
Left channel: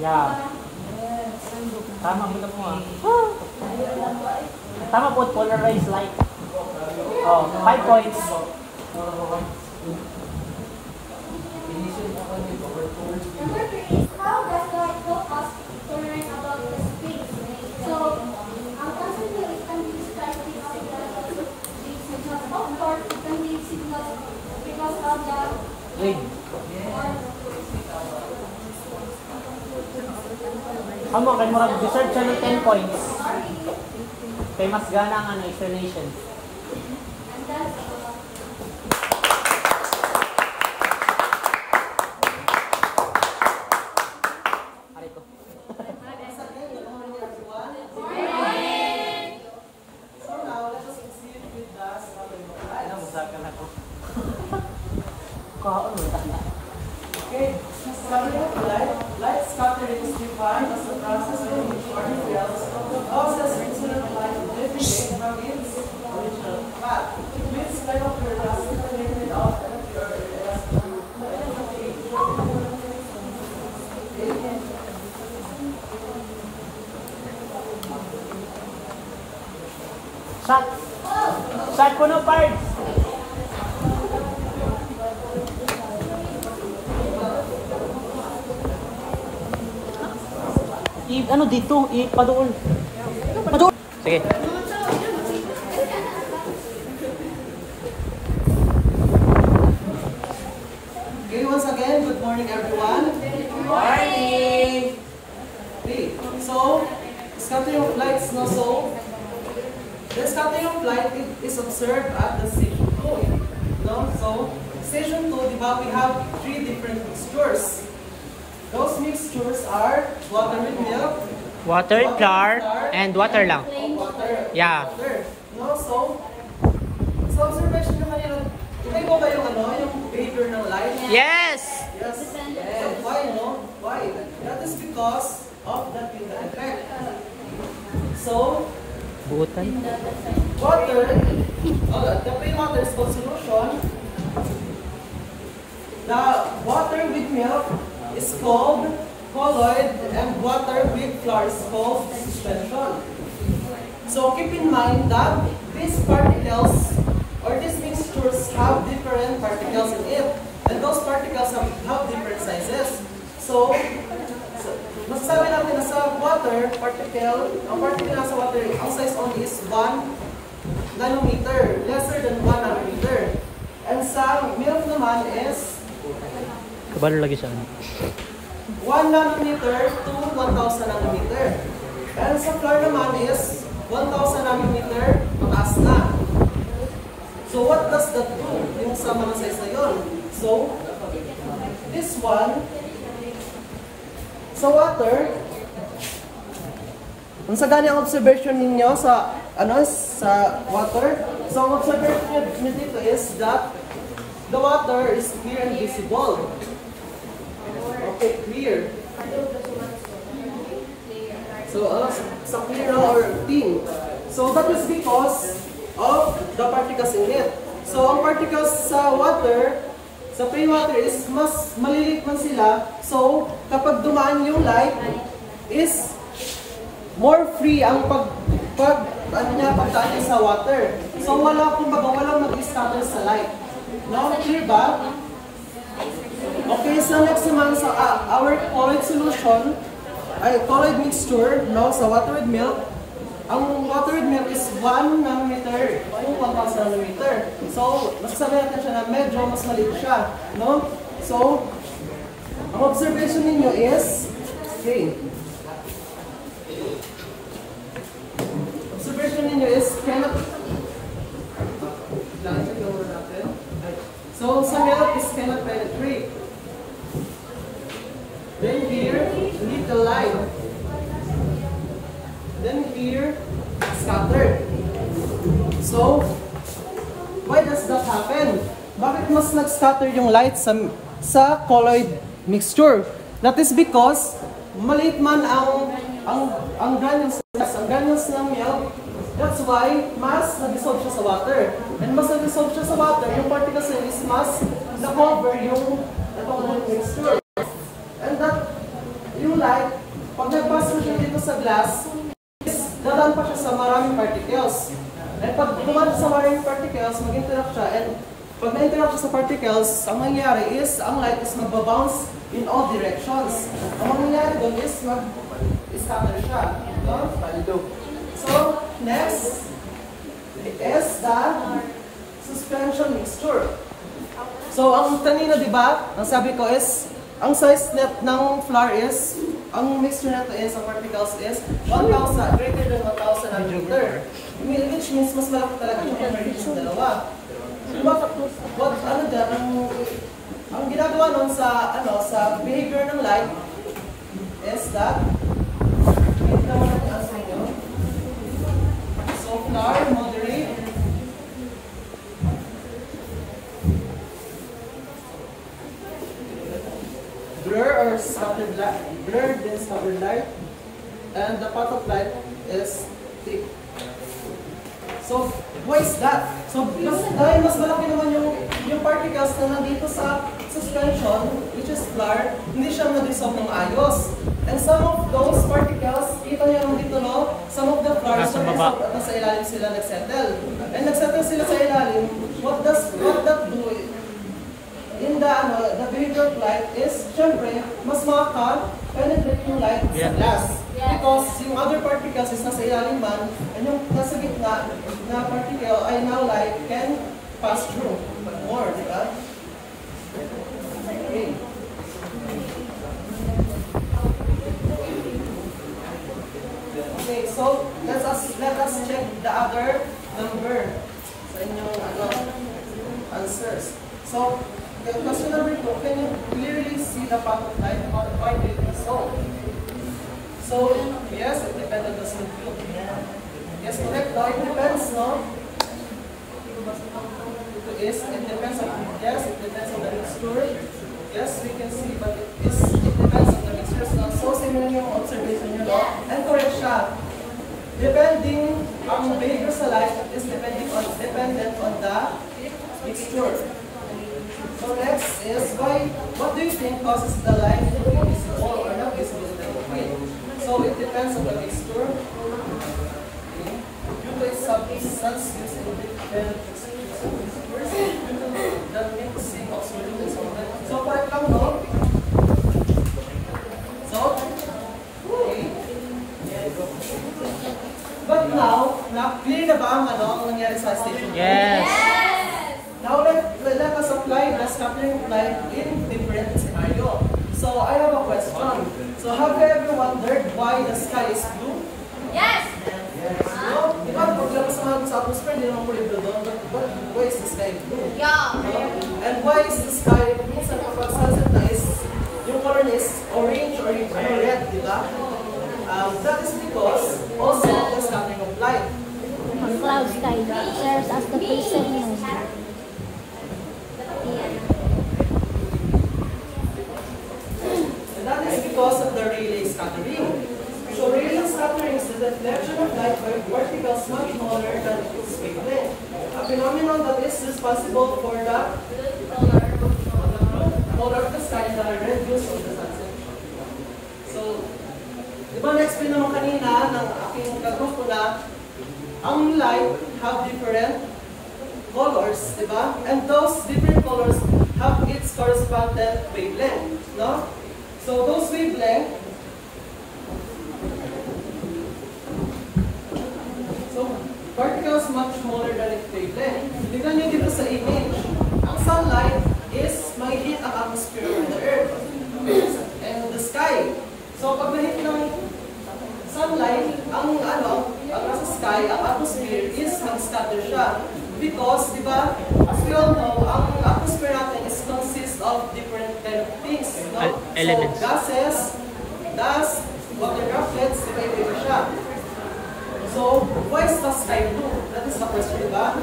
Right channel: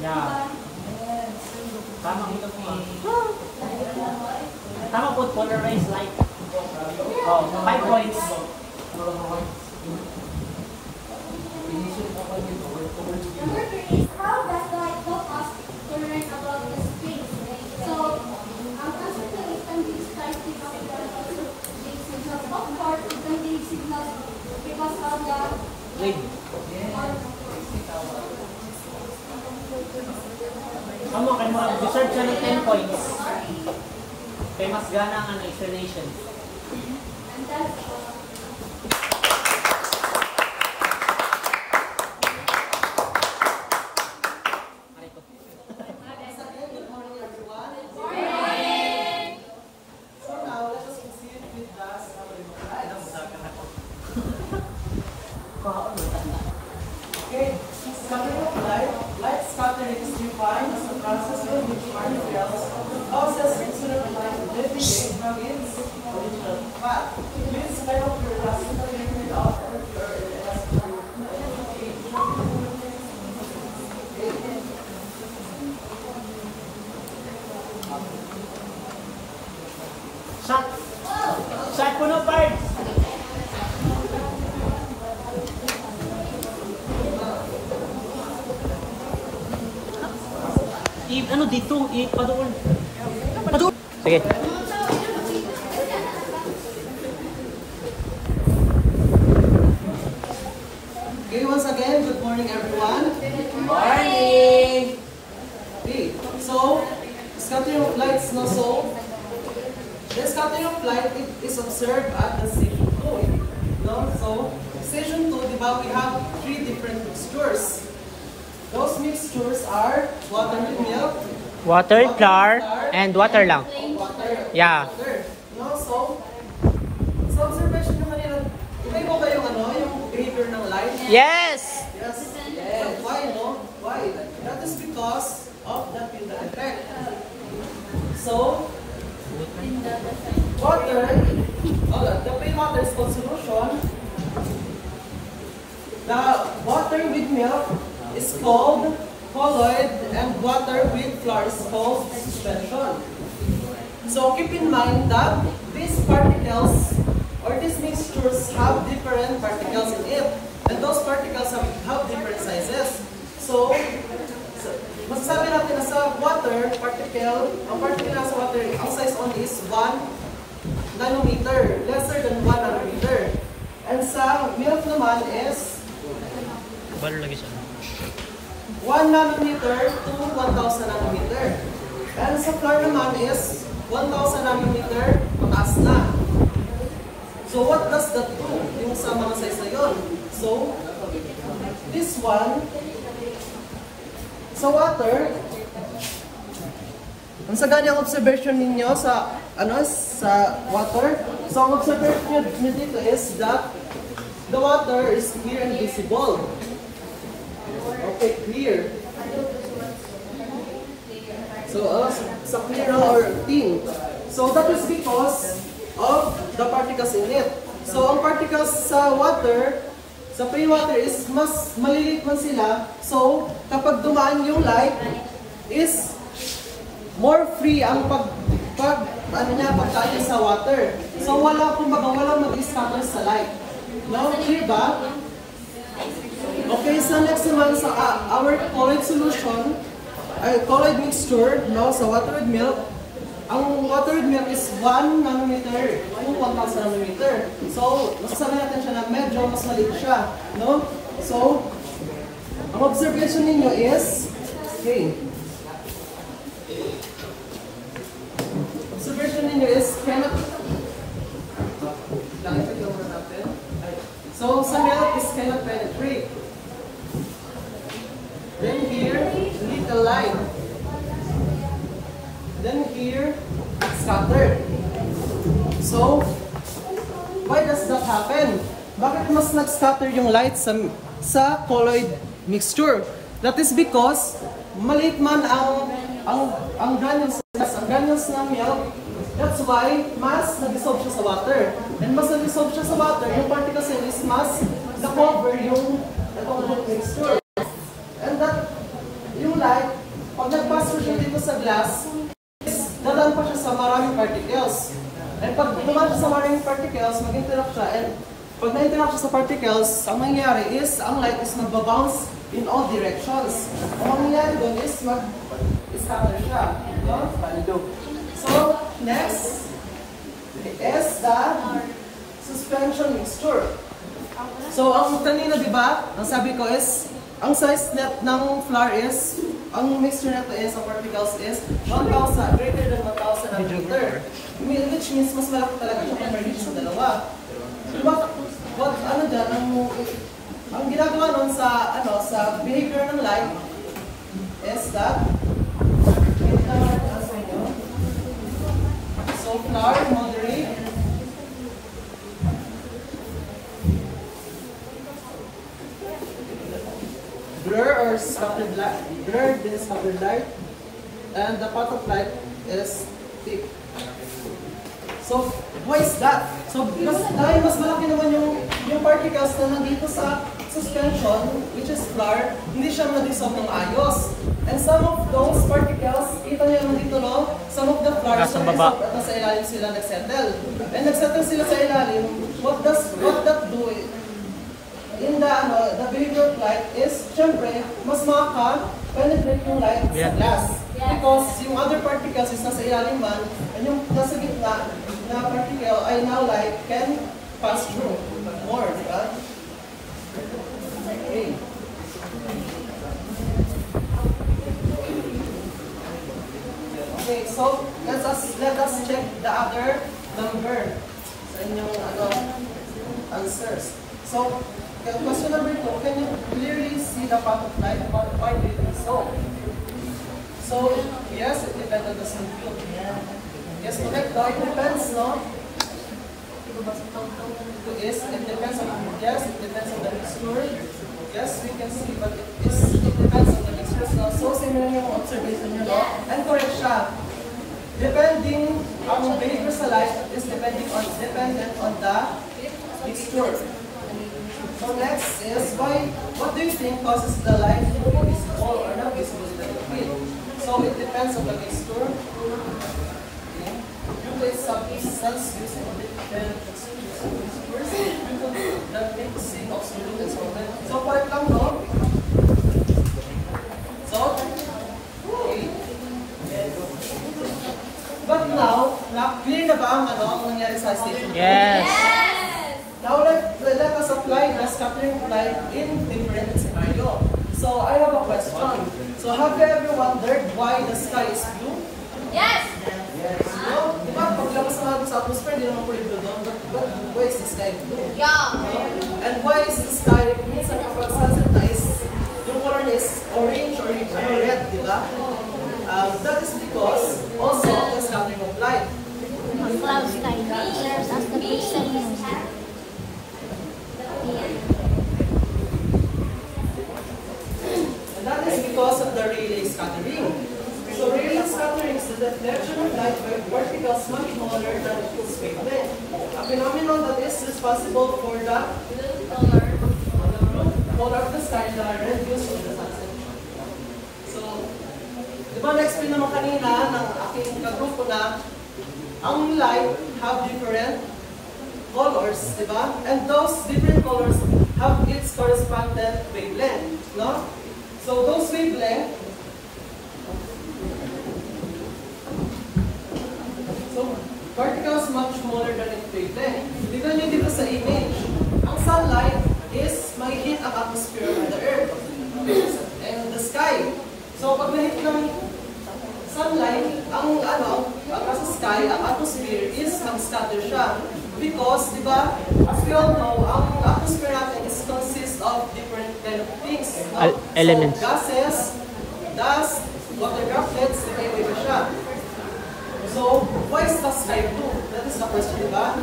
Yeah. Tama po, polarized light. 5 points. Number 3 is how does light help us to learn about the speed? So, constantly it can be described because of course it can be signals because of the Ano kay mga research sa 10 points? Kay mas gana ang explanation. and that's Okay, scattering of light. Light scattering is defined as the process in which particles of the incident light deviate from its original path. This kind of classically without Shot ko na parts! Ano dito? Padoon. Padoon. Sige. Okay, once again, good morning everyone. Good morning. Okay, so scattering of light is not so. The scattering of light is observed at the station 2. No? So, station 2, diba, we have 3 different mixtures. Those mixtures are water with milk, Water, flour, and water lang. water. Yeah. Water. No, so observation nyo kanina, iba ba yung yung behavior ng light? Yes! Yes. Yes. Why, no? Why? That is because of the Tyndall effect. So, water, the plain water is called solution. The water with milk is called colloid, and water with flour is called suspension. So keep in mind that these particles or these mixtures have different particles in it, and those particles have different sizes. So masasabi natin na sa water particle, ang particle na sa water, ang size only is 1 nanometer, lesser than 1 nanometer. And sa milk naman is Balo lagi sa 1 nanometer to 1,000 nanometer. And sa flour naman is 1,000 nanometer mataas na. So what does that do? Yung sa mga size na yun. So, this one, sa water, ang sa ganyang observation ninyo sa sa water, so ang observation nyo dito is that the water is clear and visible. Okay, clear. So, sa clear or thin. So, that is because of the particles in it. So, ang particles sa water, sa plain water is mas maliliit man sila. So, kapag dumaan yung light, is more free ang pagdaan sa water. So, walang mag-scatter sa light. Now, clear ba? Okay, so next naman sa our colloid solution, colloid mixture, no, sa water with milk. Ang water with milk is 1 nanometer to 1,000 nanometer. So, masasabi natin siya na medyo mas maliit siya, no? So, ang observation ninyo is, okay, observation ninyo is cannot, so, sa milk is cannot penetrate. Then here, little line. Then here, scattered. So, why does that happen? Bakit mas nag-scatter yung light sa colloid mixture? That is because maliit man ang granules ng milk. That's why mas nag-dissolve siya sa water. And mas nag-dissolve siya sa water, yung particles is mas na-cover yung mixture. And that yung light sa glass, dadaan pa siya sa maraming particles. And pag dumaan siya sa maraming particles, mag-interact siya. And pag na-interact siya sa particles, ang mangyayari is, ang light is magbabounce in all directions. Ang mangyayari doon is mag-scatter siya. No? So, next is the suspension mixture. So, ang kanina, di ba, ang sabi ko is, ang size net ng flour is, ang mixture nito is, ang particles is, 1,000, greater than 1,000 nanometer. Which means, mas malaki talaga siya compared sa dalawa. So, di ba, ano dyan, ang ginagawa nun sa, sa behavior ng light is that, so, flour, moderate, blur or scattered light, blurred and scattered light, and the path of light is thick. So, why is that? So, because dahil mas malaki naman yung particles na nandito sa suspension, which is flour, hindi siya mag-dissolve ng ayos. And some of those particles, kita niyo yung dito, no? Some of the flour, nasa baba. At nasa ilalim sila nagsettle. And nagsettle sila sa ilalim, what that do? In the behavior of light is, syempre, mas makaka-penetrate yung light sa glass. Because yung other particles is nasa ilalim man, and yung nasa gitna na particle ay now light can pass through more, di ba? Okay. Okay, so let us check the other number sa inyong answers. So, question number 2, can you clearly see the path of light? Why did it be so? So, yes, it depends on the skin field. Yes, correct. No, it depends, no? It depends on, yes, it depends on the mixture. Yes, we can see, but it depends on the mixture. So, similar yung observation nyo, no? And correct siya. Depending, ang behavior sa light is dependent on the mixture. So next is what do you think causes the light to be visible or not visible to the field? So it depends on the mixture. Due to its substance used in different mixtures, the mixing of solutes. So for example, okay. But now clear na ba ang nangyari sa station? Yes. Now let us apply the scattering light in different scenario. So I have a question. So have you ever wondered why the sky is blue? Yes! Yes. No? Di ba paglabas naman sa atmosphere, hindi naman puli blue doon. But why is the sky blue? Yeah. And why is the sky, minsan kapag sunset na is, yung color is orange or red, di ba? That is because also of the scattering of light. Cloud sky serves as the basic music. And that is because of the Rayleigh scattering. So Rayleigh scattering is the deflection of light by particles much smaller than its wavelength. A phenomenon that is responsible for the color of the sky that are reduced from the sunset. So, di ba na-explain naman kanina ng aking kagrupo na ang light have different colors, di ba? And those different colors have its correspondent wavelength, no? So those wavelength, so particles much smaller than its wavelength. Tignan nyo dito sa image. Ang sunlight is may hit ang atmosphere of the earth and the sky. So pag na-hit ng sunlight, ang sa sky, ang atmosphere is mag-scatter siya. Because, di ba, as we all know, ang atmosphere natin is consists of different kind of things. No? Elements. So, gases, dust, water droplets, di ba, iba siya. So, why is the sky blue? That is the question, di ba?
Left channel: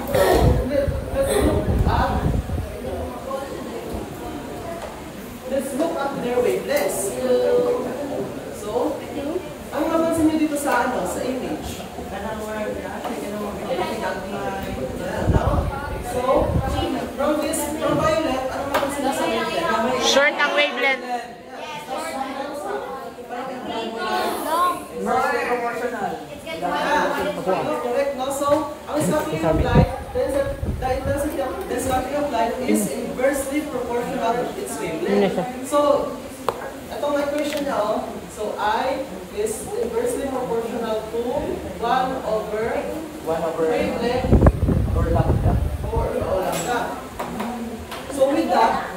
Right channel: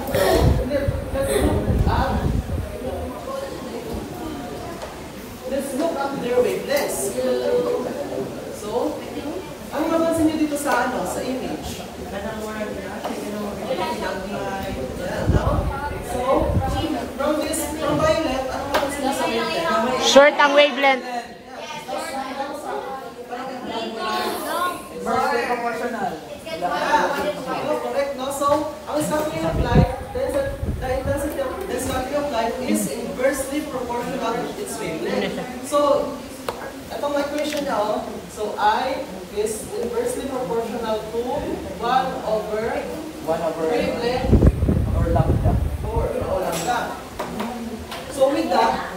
Let's look at their wavelengths. So, ang mapansin niyo dito sa sa image. Yeah, no? So, from violet, ano mapansin niyo sa wavelength? Short ang wavelength. Right. speed of light, the intensity of light is inversely proportional to its wavelength. So, itong equation niya, oh. So, I is inversely proportional to 1 over wavelength Or lambda. or lambda. So, with that,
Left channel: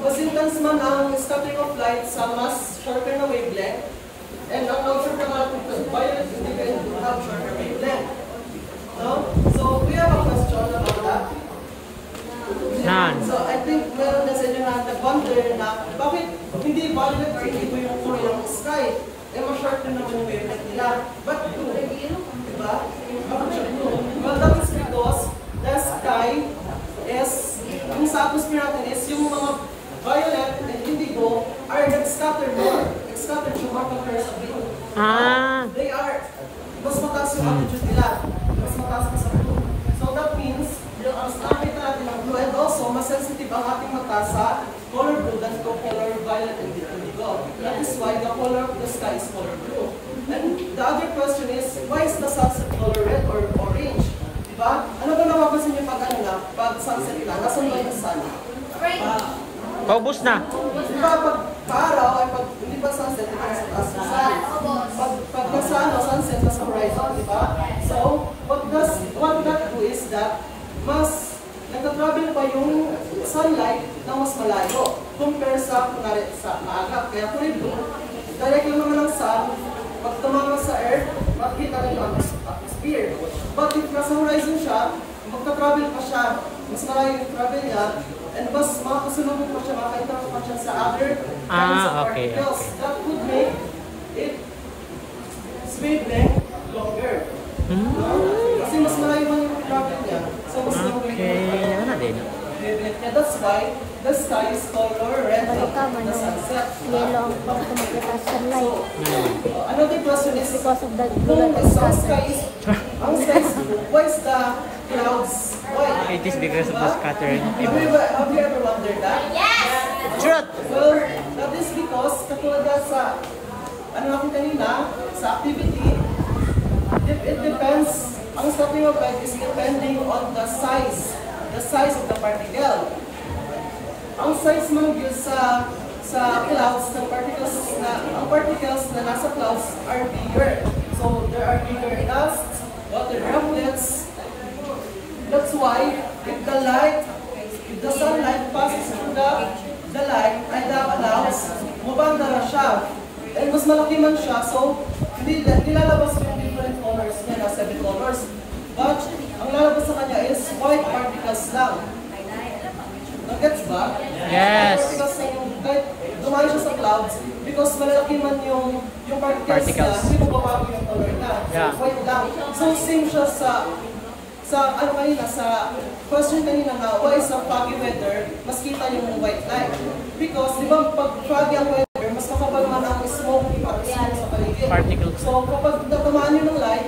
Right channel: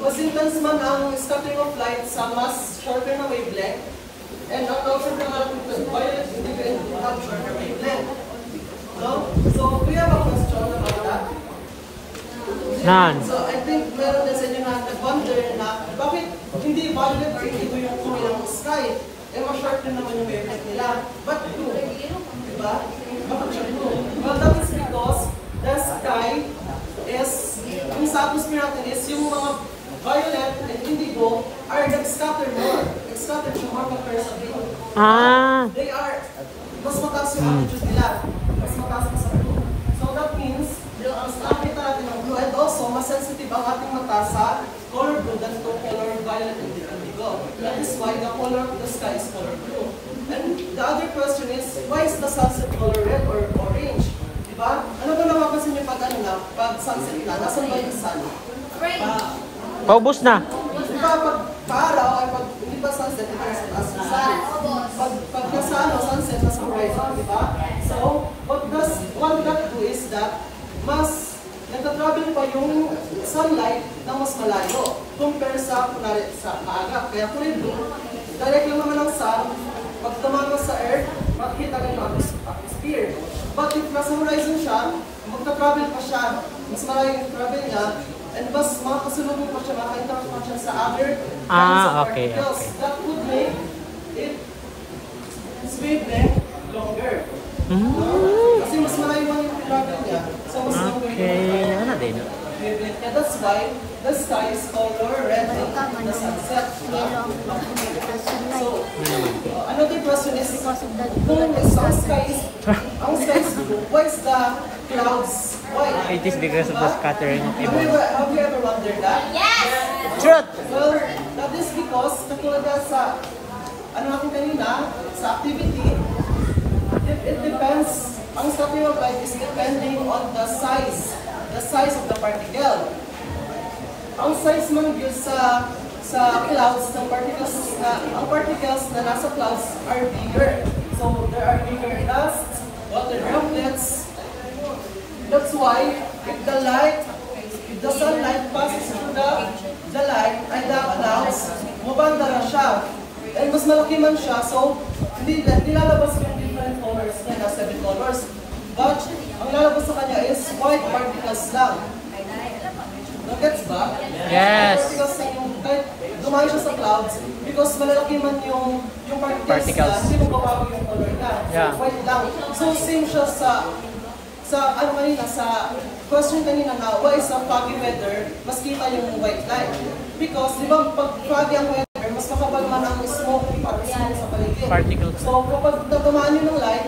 mas intense man ang scattering of light sa mas shorter na wavelength, and ang observer natin, violet indicates to have shorter wavelength. No? So, we have a question about that. None. So, I think meron na sa inyo na nag-wonder na bakit hindi violet or hindi ko yung kulay ng sky? Eh, ma-short na naman yung wavelength nila. But blue. Diba? Bakit siya blue? Well, that is because the sky is, yung sa atmosphere natin is yung mga violet and indigo are nag-scatter more. Nag-scatter siya more compared sa blue. Ah. They are, mas mataas yung attitude nila. Mas mataas sa blue. So that means, mas nakita natin ang blue, and also, mas sensitive ang ating mata sa color blue than to color violet and indigo. That is why the color of the sky is color blue. And the other question is, why is the sunset color red or orange? Diba? Ano ba nawapansin niyo pag ano na, pag sunset na? Nasaan ba yung sun? Paubos na. Diba pag paaraw, ay pag hindi pa sunset, ito nasa taas ng sun. Pag nasa ano, sunset, nasa horizon, diba? So, what that do is that, mas nagka-travel pa yung sunlight na mas malayo compare sa, kunwari, sa maaga. Kaya kulay blue, direct lang naman ang sun, pag tumama sa earth, makikita rin ang atmosphere. But if nasa horizon siya, magka-travel pa siya, mas malayo yung travel niya, and mas makakasulubong pa siya, makaka-interact pa siya sa other particles. That would make its wavelength longer. Kasi mas malayo man yung travel niya, so mas longer yung wavelength. And that's why the sky is color red in the sunset. So, another question is, kung ang sky is blue, why is the clouds white? It is because of the scattering of evil. Have you ever wondered that? Yes! Truth! Well, that is because, katulad yan sa, ano natin kanina, sa activity, it depends, ang scattering of light is depending on the size of the particle. Ang size man yun sa clouds ng ang particles na nasa clouds are bigger. So there are bigger dust, water droplets. That's why if the sunlight passes through the light and the clouds, mabanda na siya. And mas malaki man siya, so nilalabas yung different colors niya na 7 colors. But ang lalabas sa kanya is white particles lang. Nagets ba? Yes. Particles lang yung, kahit dumayo siya sa clouds, because malalaki man yung particles niya, hindi mo babago yung color niya. Yeah. White lang. So same siya sa ano kanina, sa question kanina na why sa foggy weather, mas kita yung white light. Because, di ba, pag foggy ang weather, mas makapal man ang smoke sa paligid. Particles. So kapag natamaan yun ng light,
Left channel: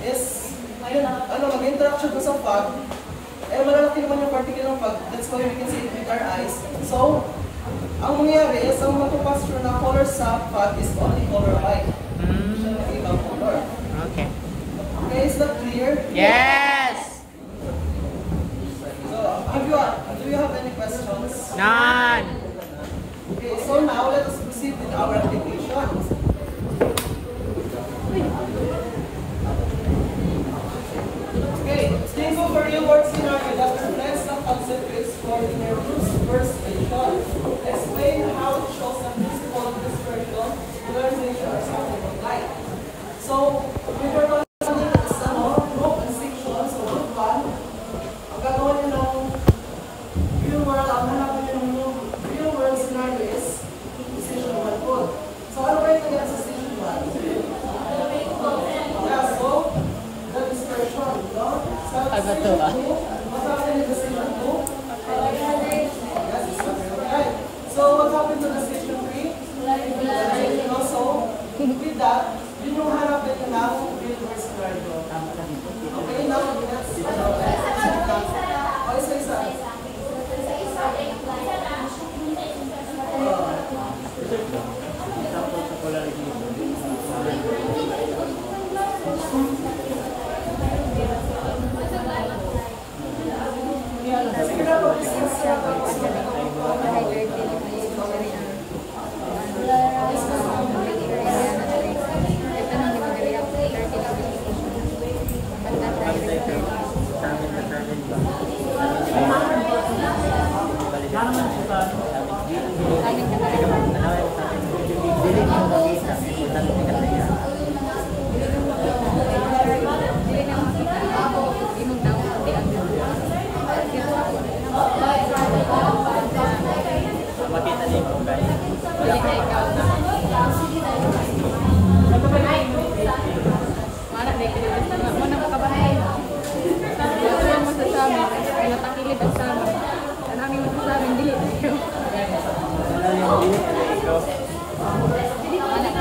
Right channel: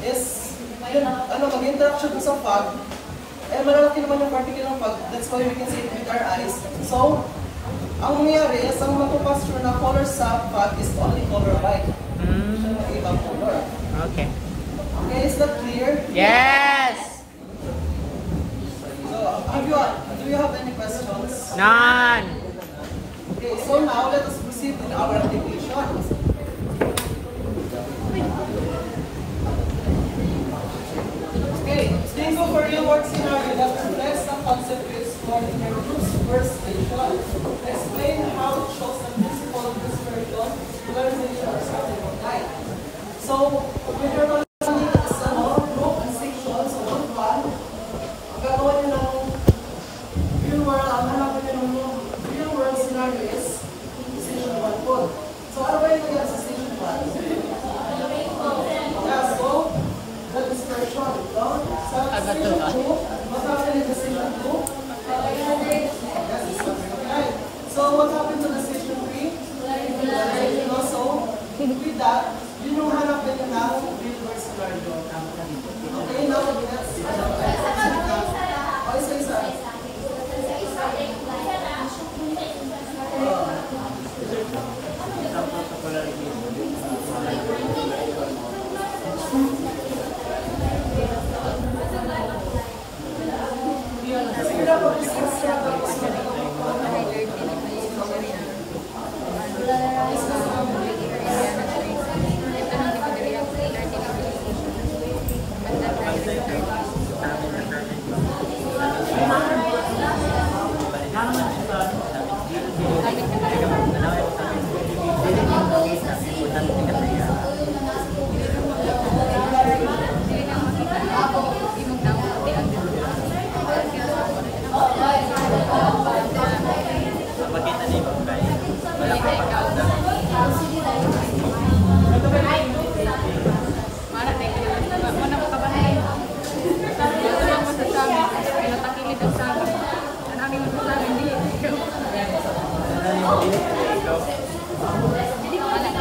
is yun, mag-interact siya sa fog, eh malalaki naman yung particle ng fog, that's why we can see it with our eyes. So, ang mangyayari is, ang magpapasture na color sa fog is only color white. Siya yung ibang color. Okay. Okay, is that clear? Yes! So, do you have any questions? None! Okay, so now let us proceed with our application. Okay, think of a real-world scenario that reflects the concept we explored in our first station. Explain how it shows the principle of dispersion, polarization, or scattering of light. So, we were considering this group and section. So, one, ang gagawa niyo ng real-world, ang hanapin niyo ng real-world scenario is station 1 po. So, ano ba yung kaya sa station 1? Yeah, so, the dispersion, no? So, station 2, what happened in the station 2? Right. So, what happened to the station 3? So, with that, yun yung hanapin ng real-world scenario. Okay, now, let's isa-isa.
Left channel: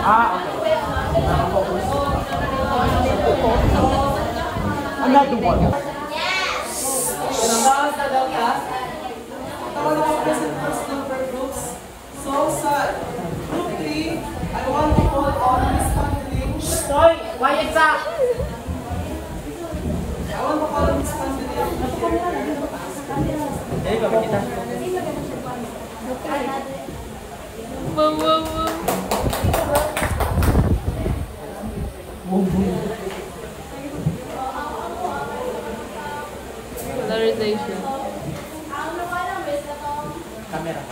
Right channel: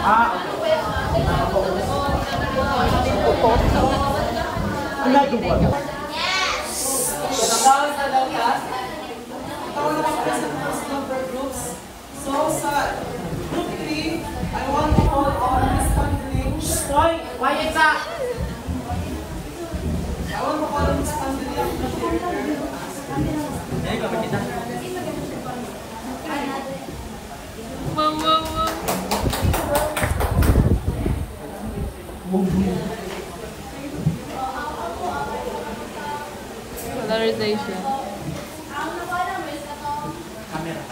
Ang lagi po. Tawag ako sa first number groups. So, sa group 3, I want to call on Miss Kathleen. Hoy, quiet ka! I want to call on Miss Kathleen. Polarization. Camera.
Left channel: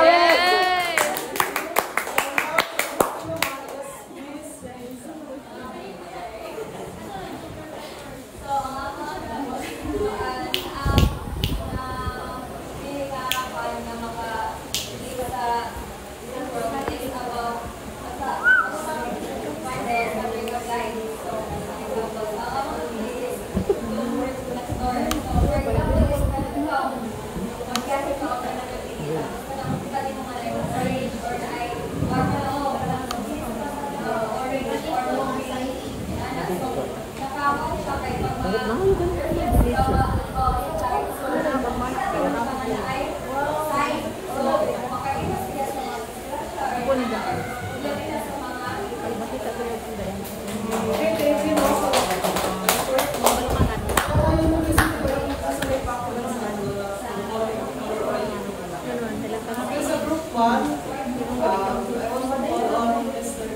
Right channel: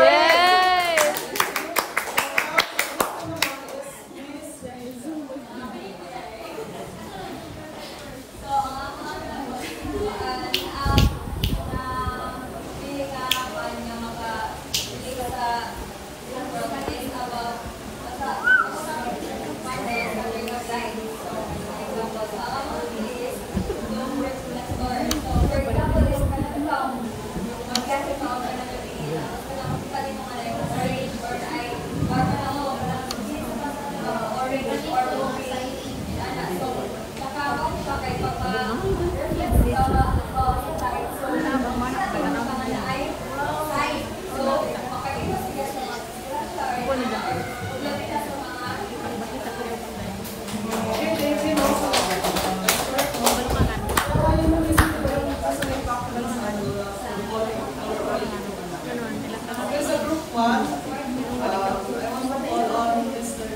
Yay! Okay, so group 1, I want to call on Mr.